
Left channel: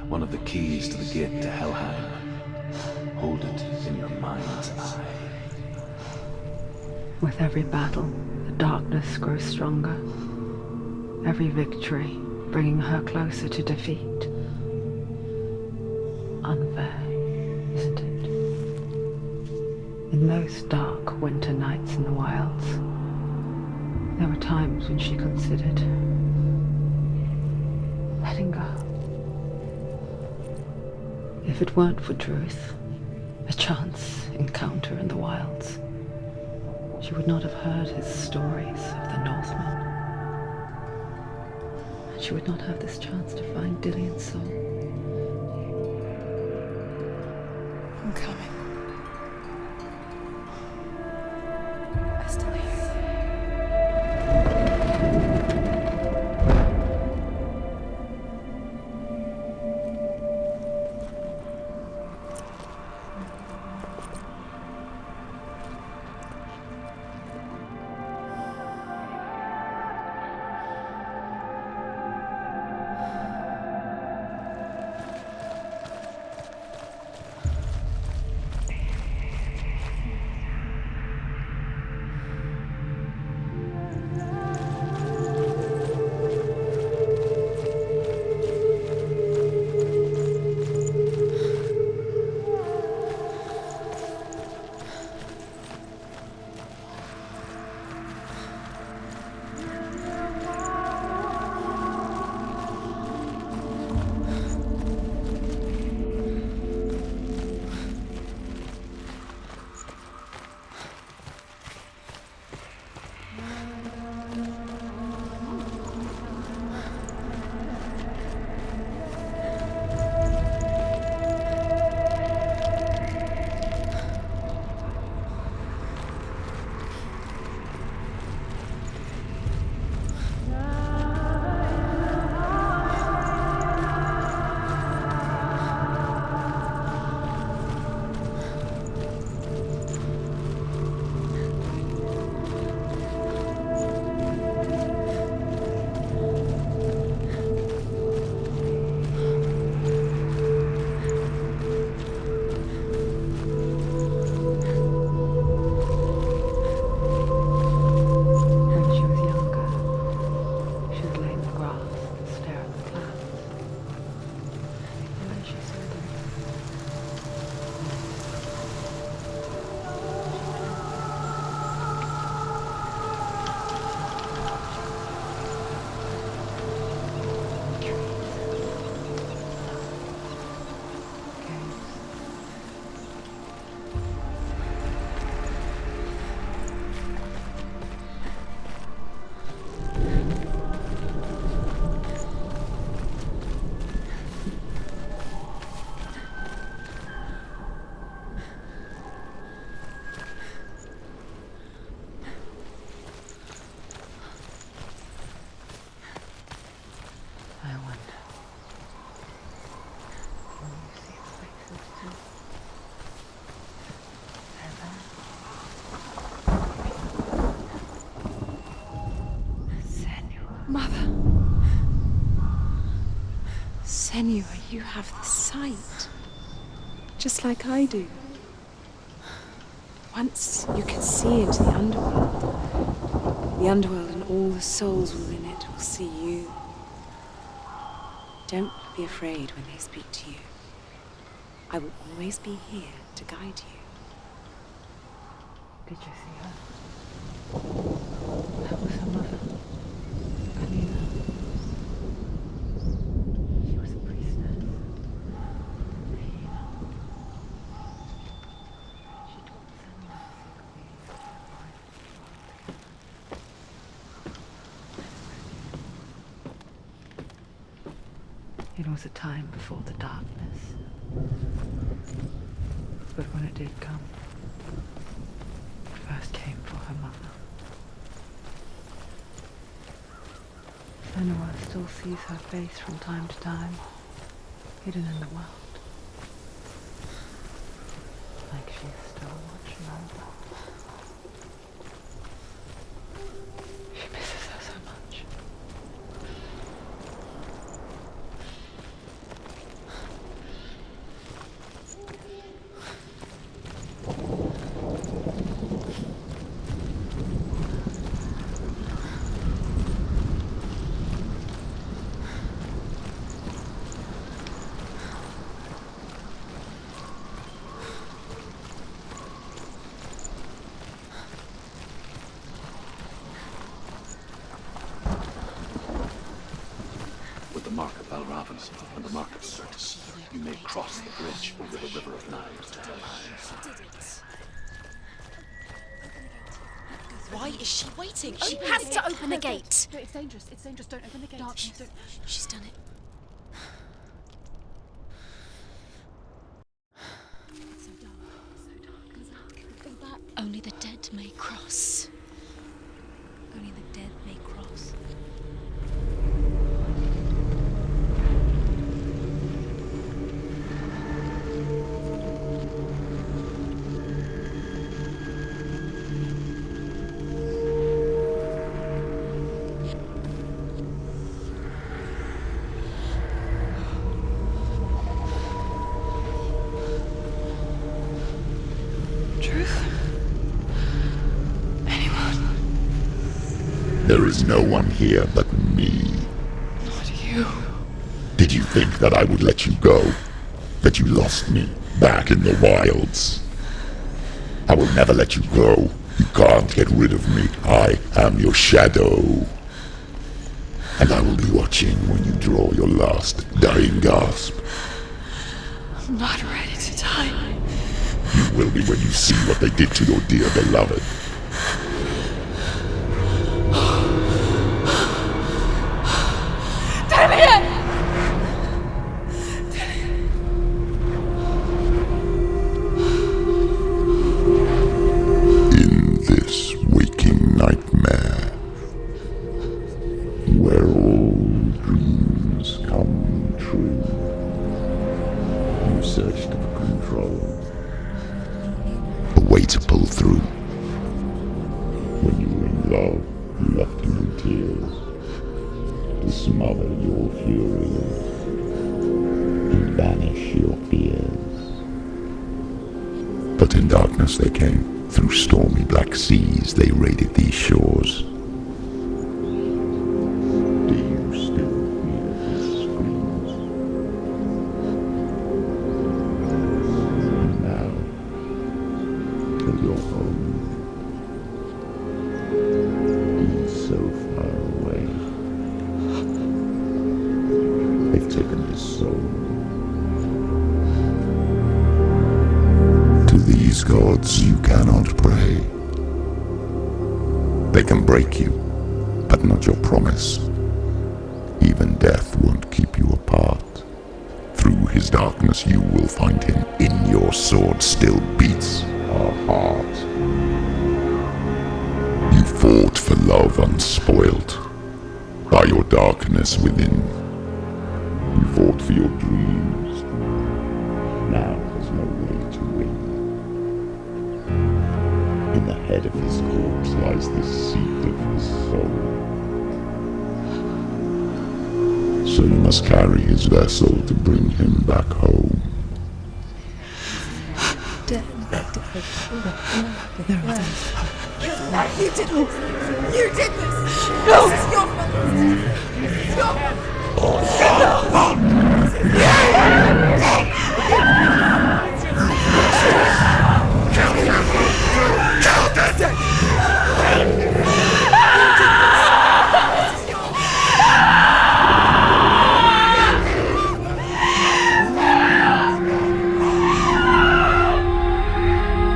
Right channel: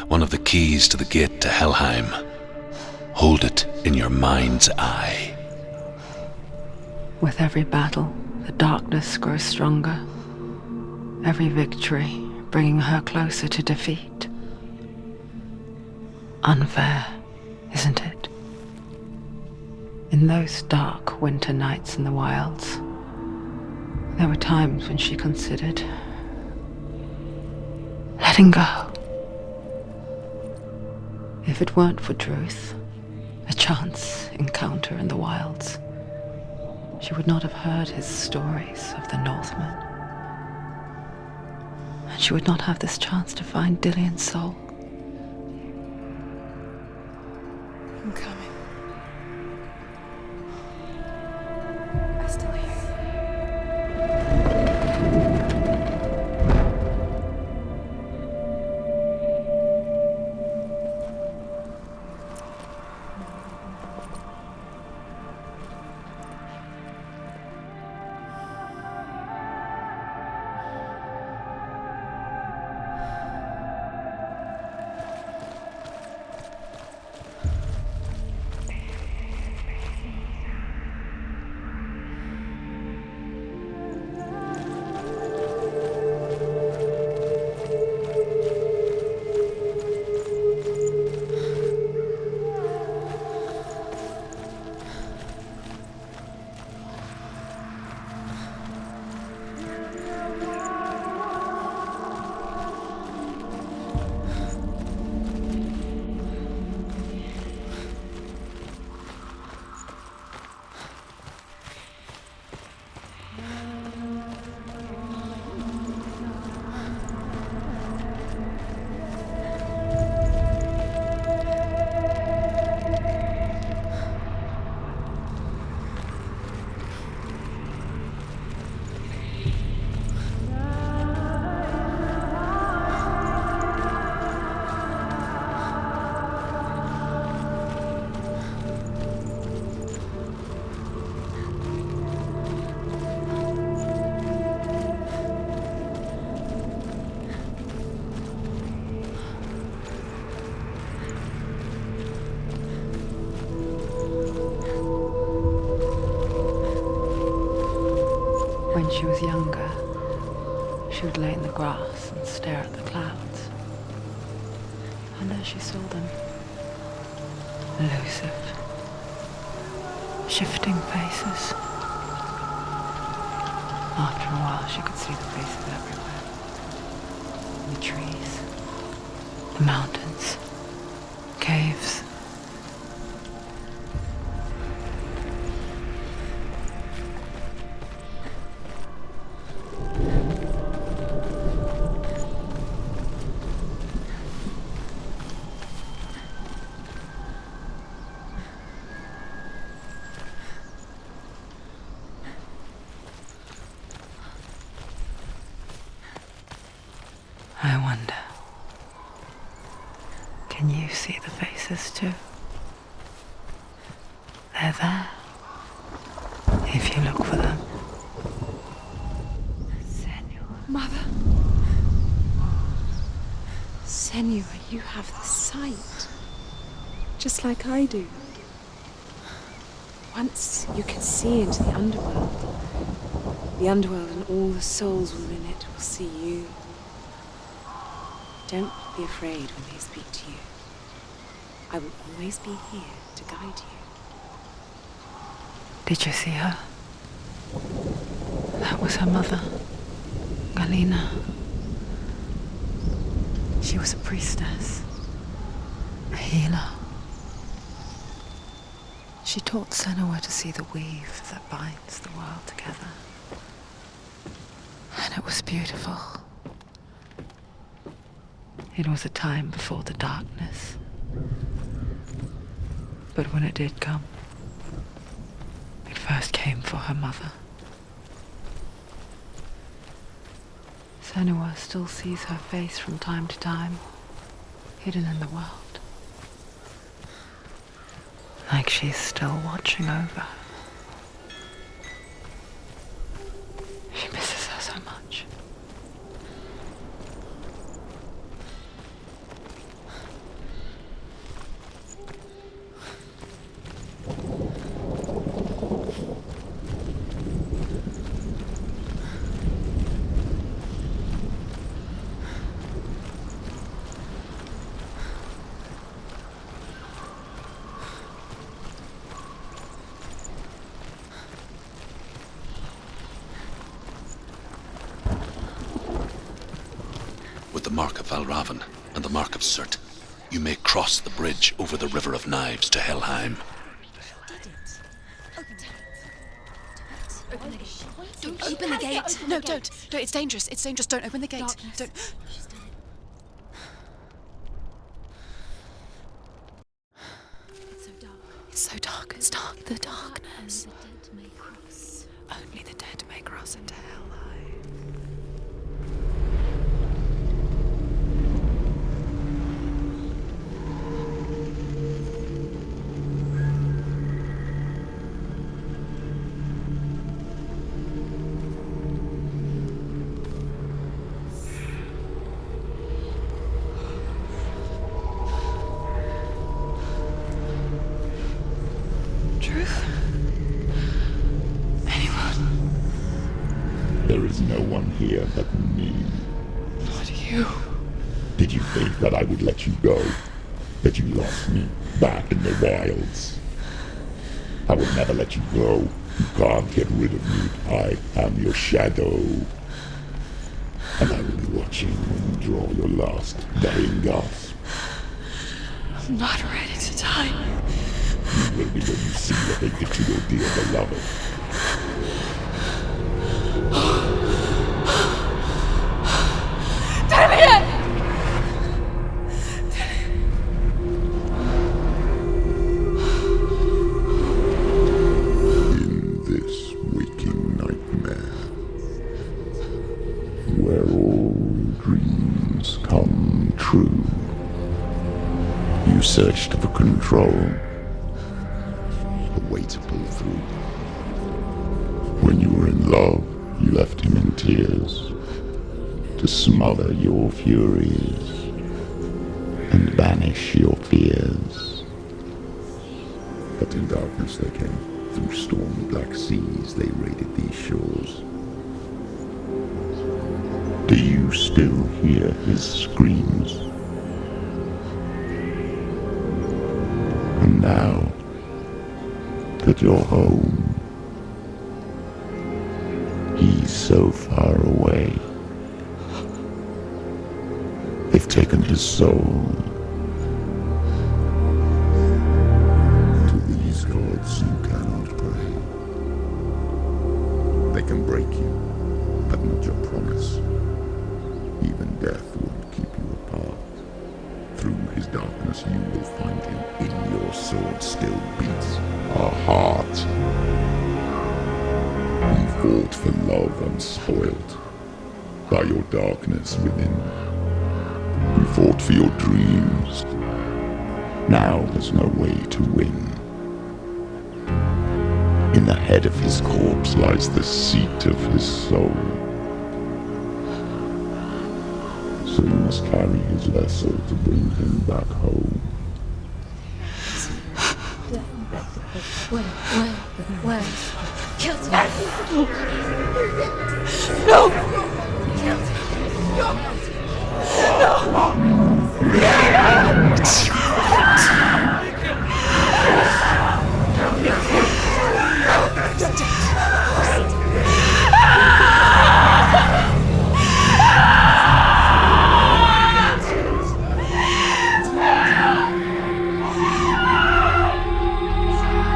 one of the keys to the gate to Helheim. Hold it in your mind's eye. With every battle, the darkness grows stronger. Every victory bringing her closer to defeat. Unfair, isn't it? In those dark winter nights in the wilds, there were times when she considered letting go. If it weren't for Druth, a chance encounter in the wilds, she would not have heard his stories of the Northmen. And she would not have this chance to find Dillion's soul. I'm coming. I still hear shifting faces. After a while, she could see the faces everywhere. The trees, the mountains, caves. I wonder, can you see the faces too? They're there, if you look for them. Senua. Mother. Senua, you have the sight. Just like I do. Once you can see into the underworld. The underworld and all the souls within it will see you. Don't be afraid when they speak to you. I will always be here to guide you. Did you see her? That was her mother, Galina. She was a priestess, a healer. She taught Senua to see the weave that binds the world together. And it was beautiful. It was a time before the darkness. But when it did come, it first came for her mother. Senua still sees her face from time to time, hidden in the world. Like she's still watching over her. She misses her so much. the mark of Valravan and the mark of Surt, you may cross the bridge over the River of Knives to Helheim. Why is she waiting? Open the gate. Open the gate. No, it's dangerous. It's dangerous. Don't open the gate. Don't. She's done it. It's so dark. It's dark. The darkness. Only the dead may cross. Only the dead may cross Only into the hell. dead may cross. Truth? Anyone? There is no one here but me. Not you. Did you think that I would let you go? That you lost me back in the wilds? I will never let you go. You can't get rid of me. I am your shadow. And I will be watching when you draw your last dying gasp. I'm not ready to die. You will be when you see what they did to your dear beloved. In this waking nightmare, where all dreams come true, you searched for control, a way to pull through. When you were in love, you left him in tears, to smother your furies and banish your fears. But in darkness they came, through stormy black seas they raided these shores. Do you still hear his screams? And now that you're home, he's so far away. They've taken his soul. To these gods you cannot pray. They can break you, but not your promise. Even death won't keep you apart. Through his darkness you will find him. In your sword still beats a heart. You fought for love unspoilt by your darkness within. You fought for your dreams. Now there's no way to win. In the head of his corpse lies the seat of his soul. So you must carry his vessel to bring him back home.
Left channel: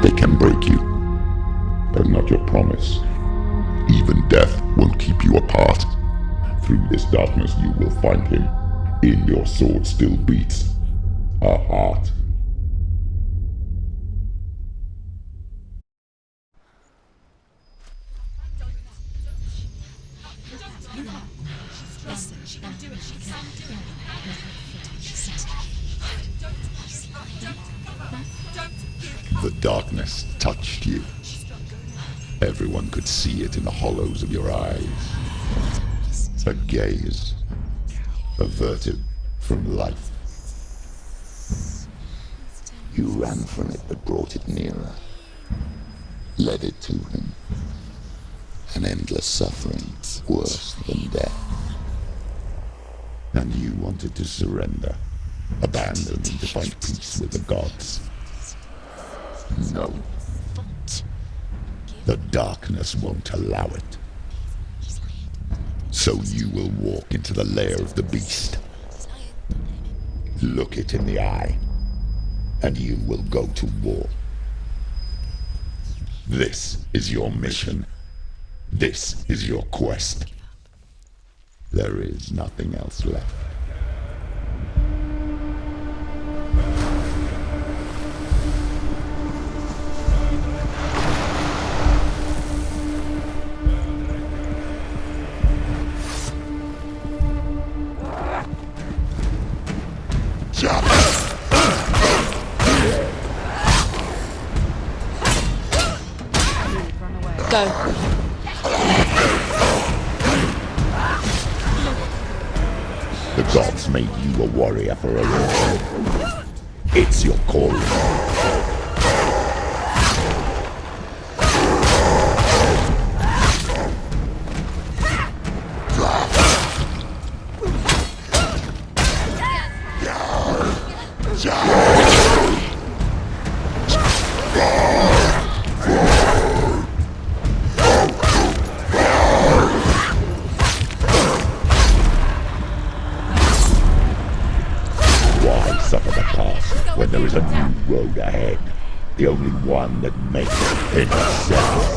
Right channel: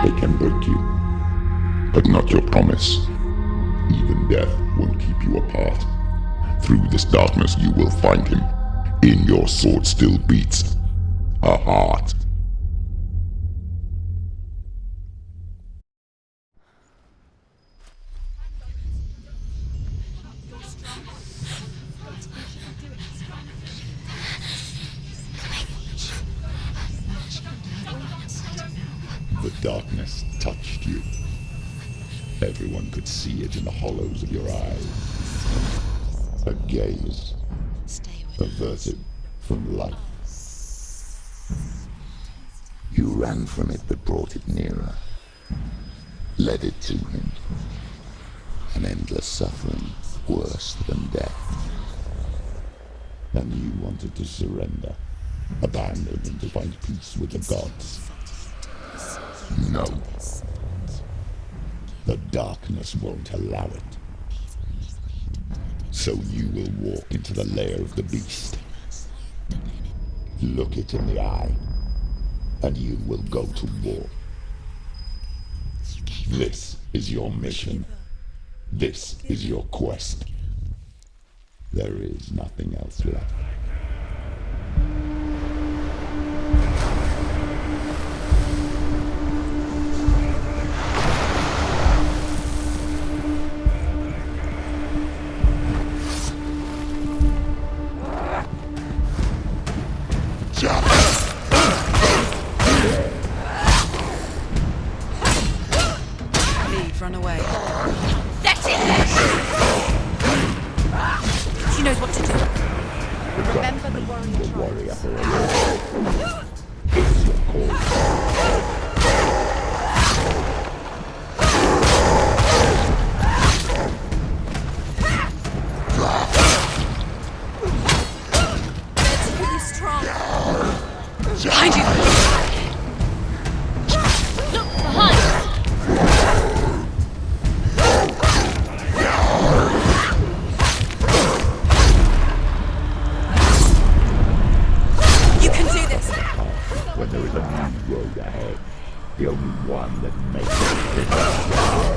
They can break you, but not your promise. Even death won't keep you apart. Through this darkness you will find him. In your sword still beats a heart. The darkness touched you. Everyone could see it in the hollows of your eyes. A gaze averted from life. You ran from it but brought it nearer, led it to him. An endless suffering worse than death. And you wanted to surrender, abandon and to find peace with the gods. No. The darkness won't allow it. So you will walk into the lair of the beast, Look it in the eye, and you will go to war. This is your mission. This is your quest. There is nothing else left. Run away. The gods made you a warrior for a reason. It's your calling. When there is a new road ahead, the only one that makes it itself.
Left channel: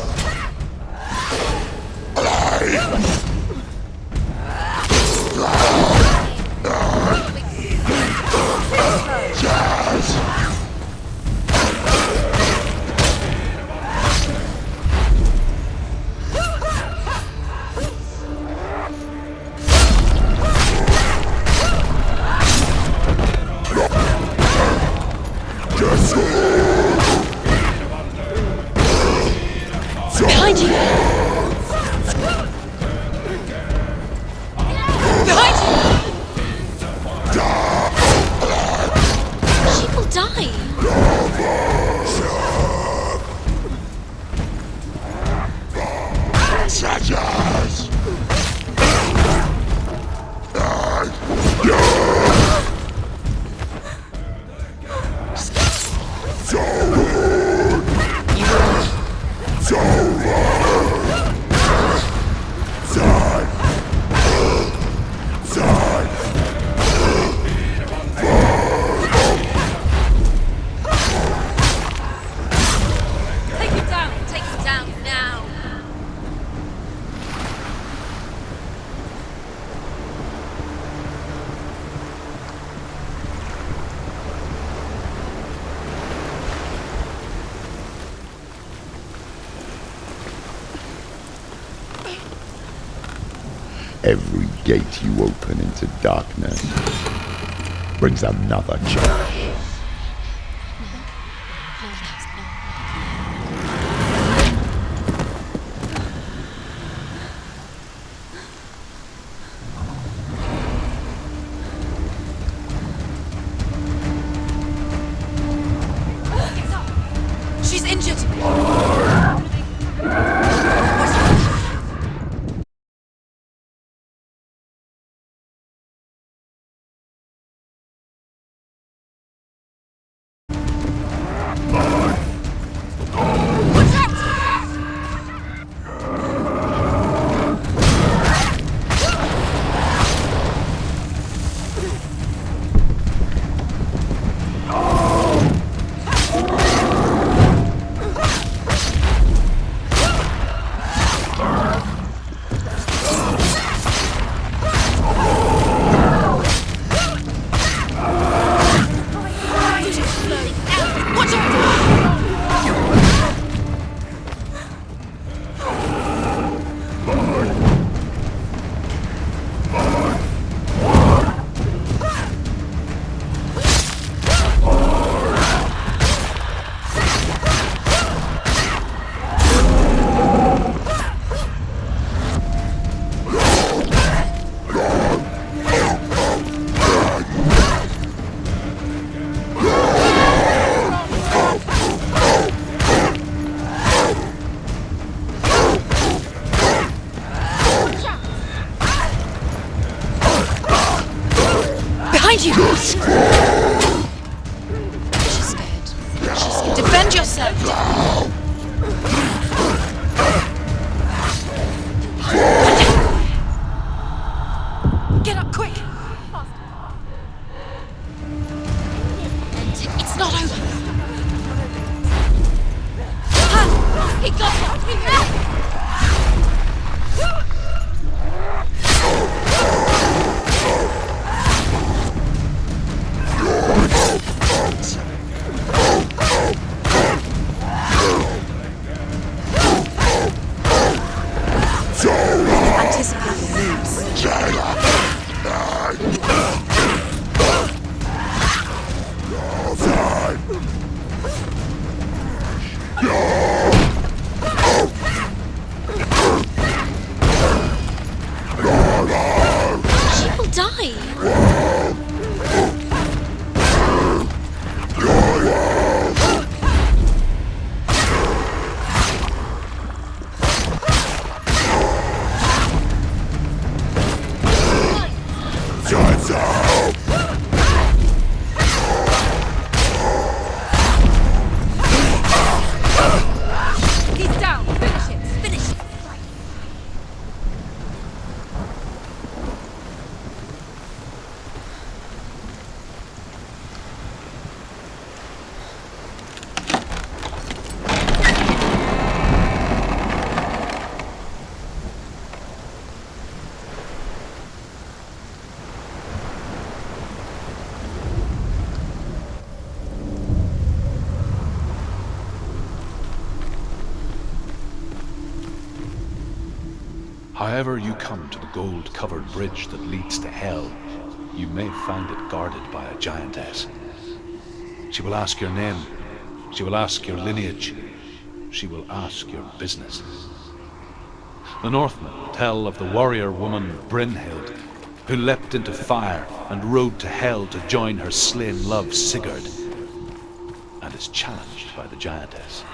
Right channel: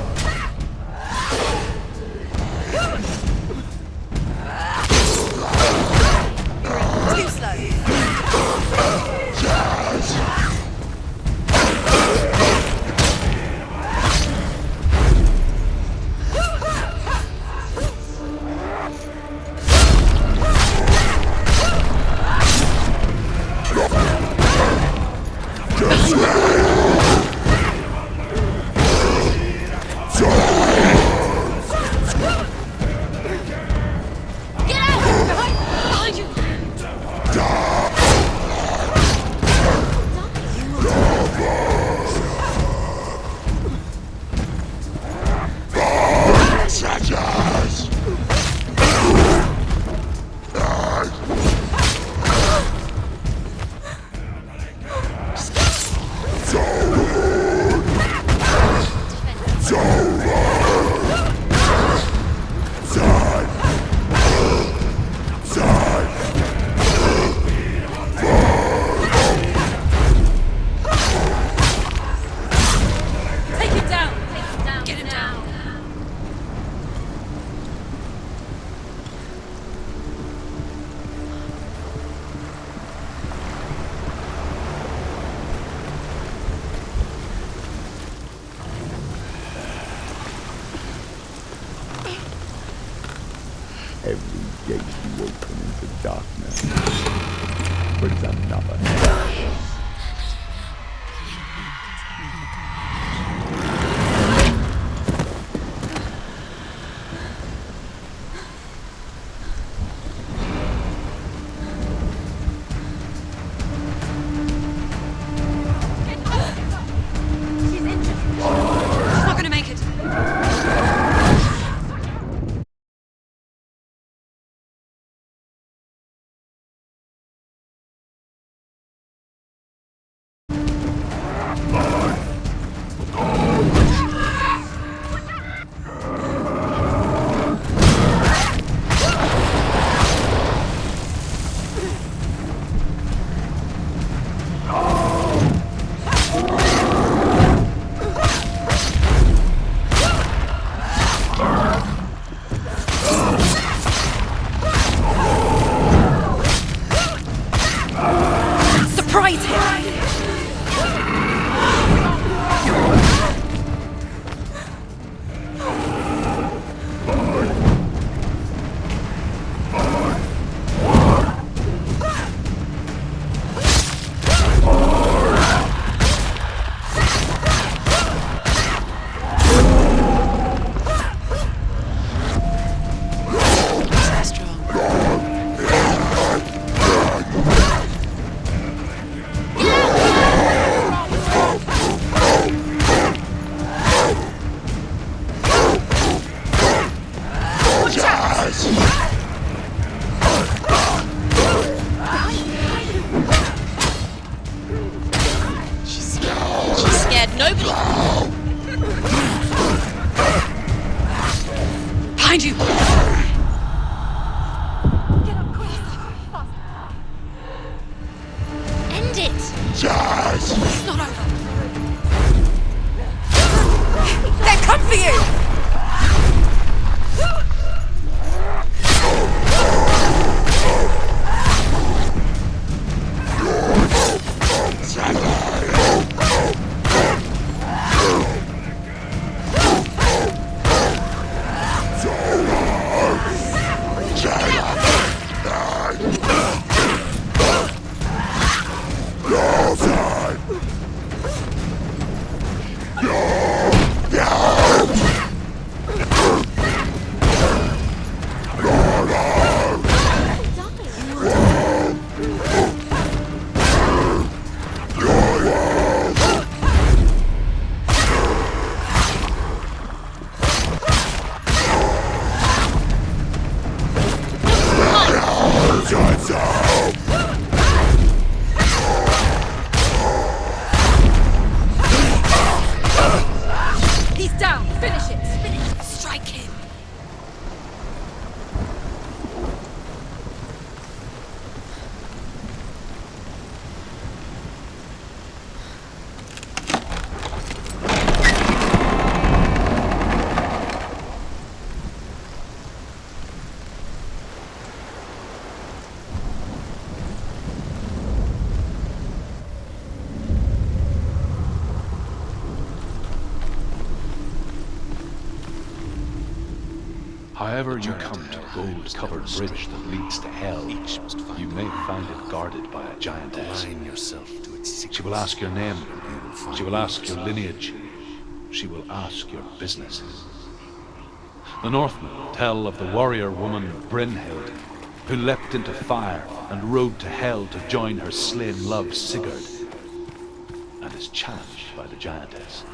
Every gate you open into darkness brings another change. She's injured. I'm not gonna make it. He's down! Finish it! Finish it! Strike him! However you come to the gold-covered bridge that leads to Hell, you may find it guarded by a giantess. She will ask your name. She will ask your lineage. She will ask your business. The Northmen tell of the warrior woman Brynhild, who leapt into fire and rode to Hell to join her slain love Sigurd, and is challenged by the giantess.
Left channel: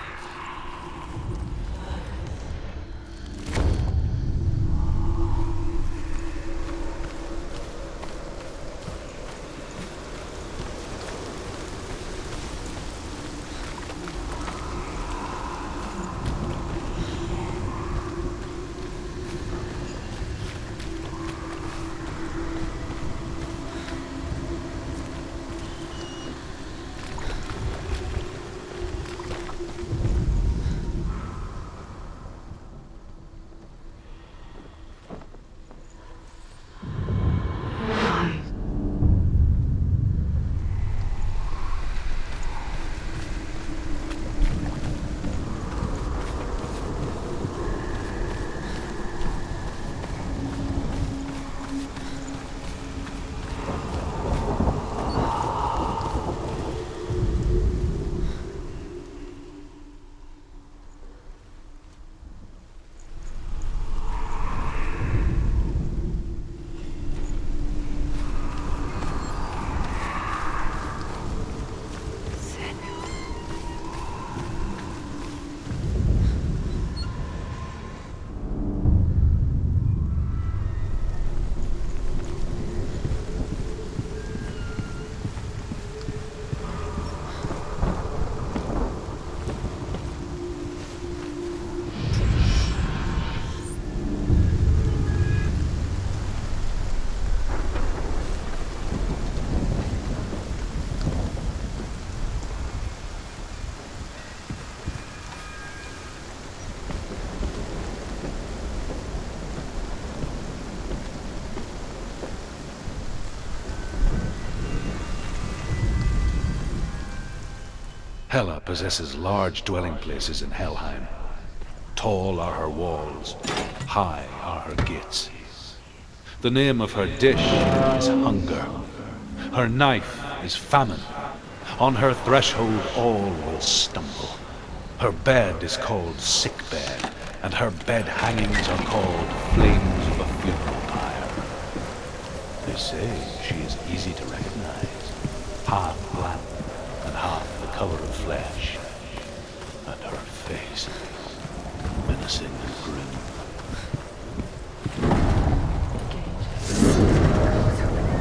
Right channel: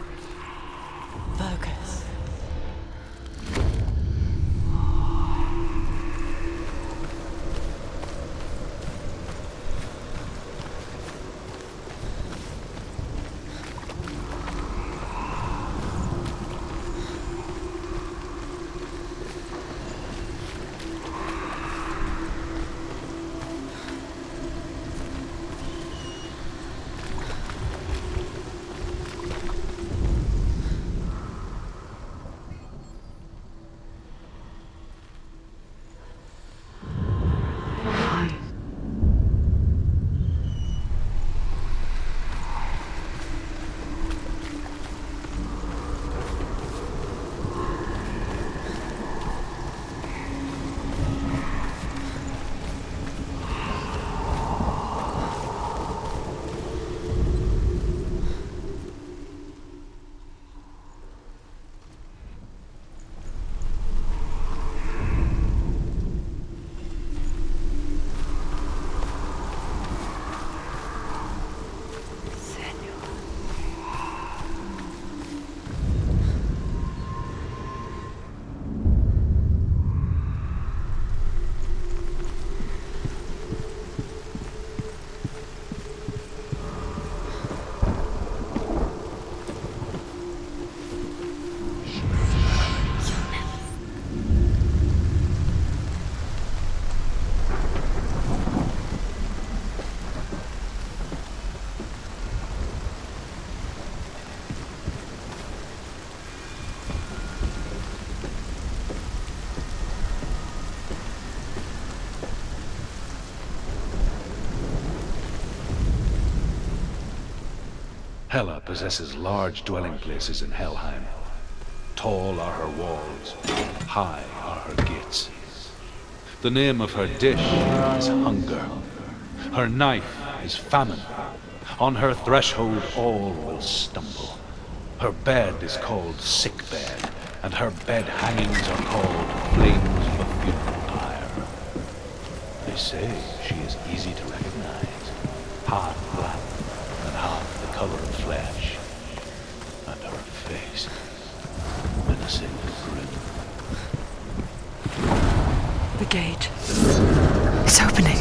Hela possesses large dwelling places in Helheim. Tall are her walls, high are her gates. The name of her dish is hunger. Her knife is famine. On her threshold all will stumble. Her bed is called sick bed, and her bed hangings are called flames of a funeral pyre. They say she is easy to recognize, half black and half the color of flesh, and her face menacing and grim. The gate. It's opening.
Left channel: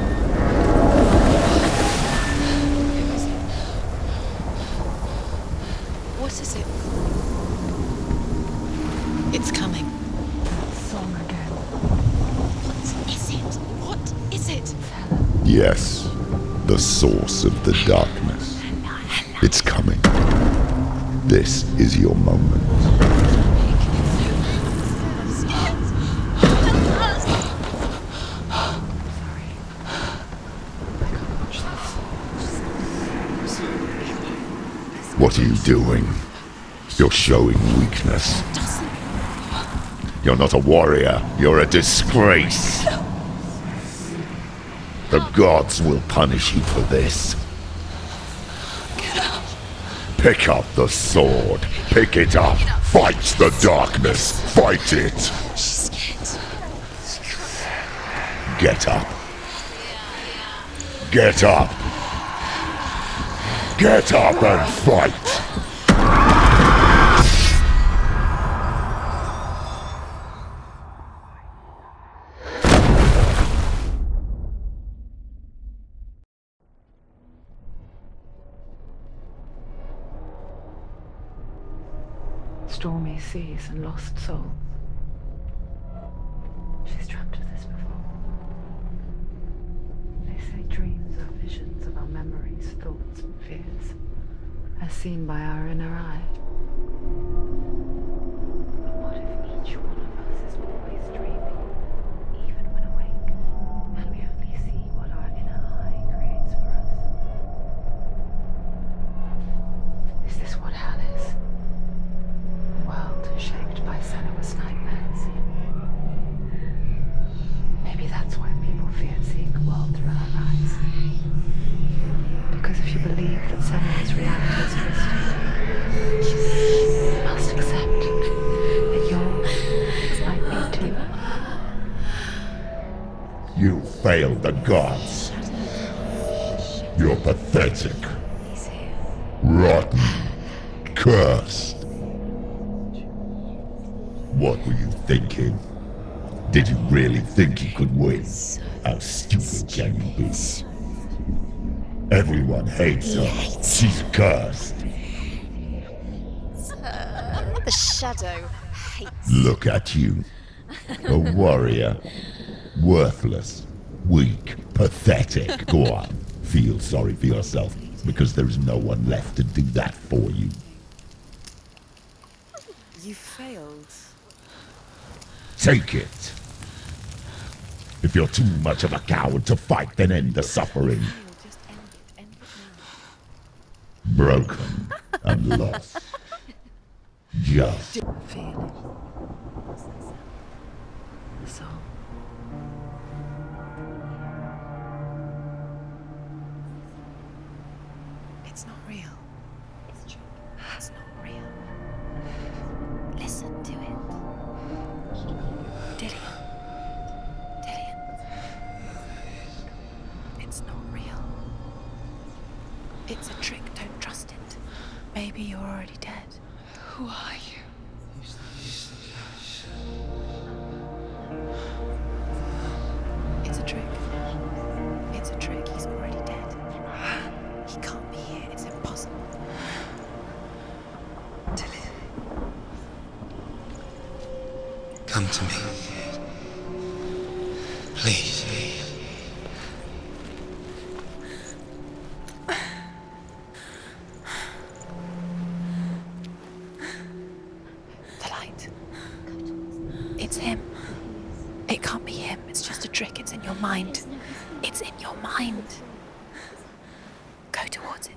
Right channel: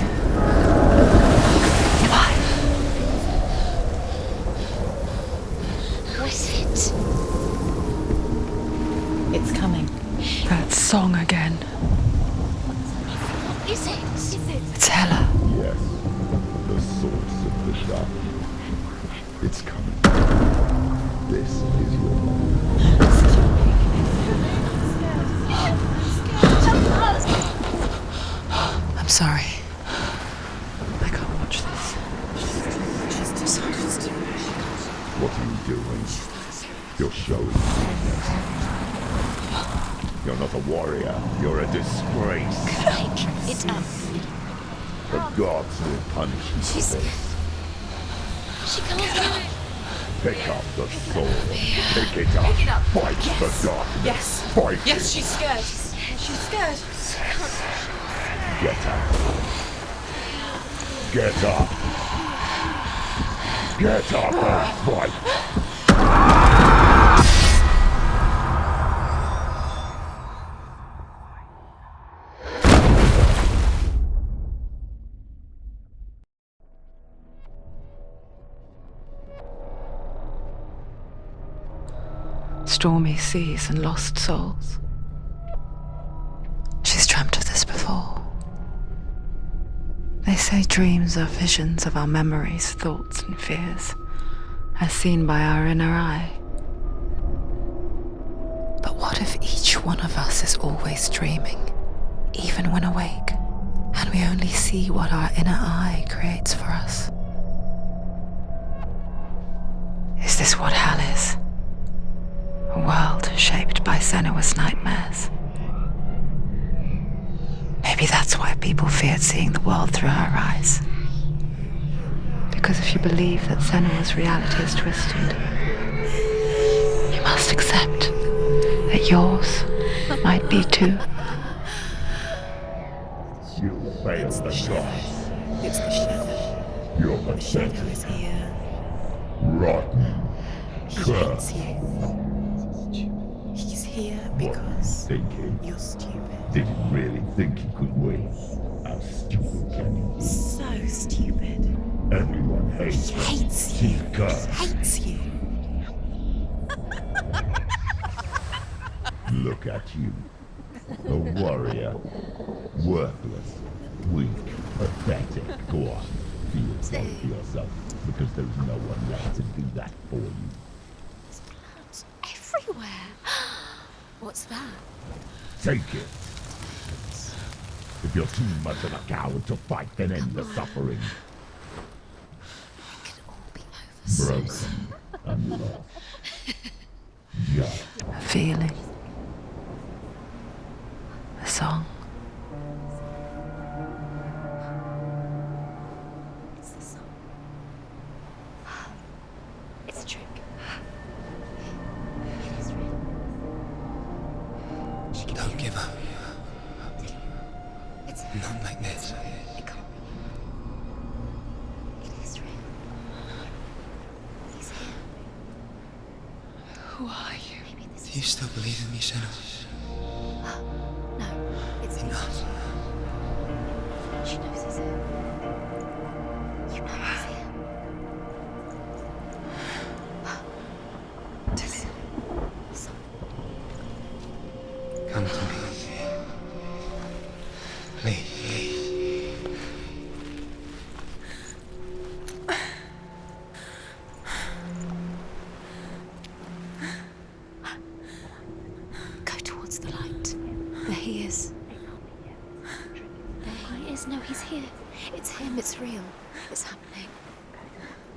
Who is it? It's coming. That song again. Is it? It's Hela. Yes, the source of the darkness. It's coming. This is your moment. I'm sorry. I can't watch this. What are you doing? You're showing weakness. You're not a warrior. You're a disgrace. The gods will punish you for this. Pick up the sword. Pick it up. Fight the darkness. Fight it. Get up. Get up. Get up and fight. stormy seas and lost souls. She's dreamt of this before. They say dreams are visions of our memories, thoughts, and fears, as seen by our inner eye. But what if each one of us is always dreaming, even when awake, and we only see what our inner eye creates for us? Is this what hell is? A world shaped by Senua's nightmares. Maybe that's why people feared seeing the world through her eyes. Because if you believe that Senua's reality is twisted, you must accept that yours might be too. You failed the gods. You're pathetic. Rotten. Cursed. What were you thinking? Did you really think you could win? How stupid can you be? So stupid. Everyone hates her. She's cursed. The shadow hates. Look at you. A warrior. Worthless. Weak. Pathetic. Go on. Feel sorry for yourself, because there is no one left to do that for you. Everywhere. You failed. What's that? Take it. If you're too much of a coward to fight, then end the suffering. Broken and lost. Just. A feeling. A song. It's the song. It's not real. It's a trick. It's not real. It is real. Listen to it. Don't give up. Dillion, it's Not like this. It's not real. It is real. It's a trick. Don't trust it. Maybe you're already dead. Who are you? Do you still believe in me, Senua? No, it's not. It's a trick. She knows it's a trick. He's already dead. He can't be here. It's impossible. Dillion. Come to me. Please. The light. Go towards the light. It's him. There he is. It can't be him. It's just a trick. It's in your mind. No, he's here. It's in your It's mind. him. It's real. It's happening. Go towards it.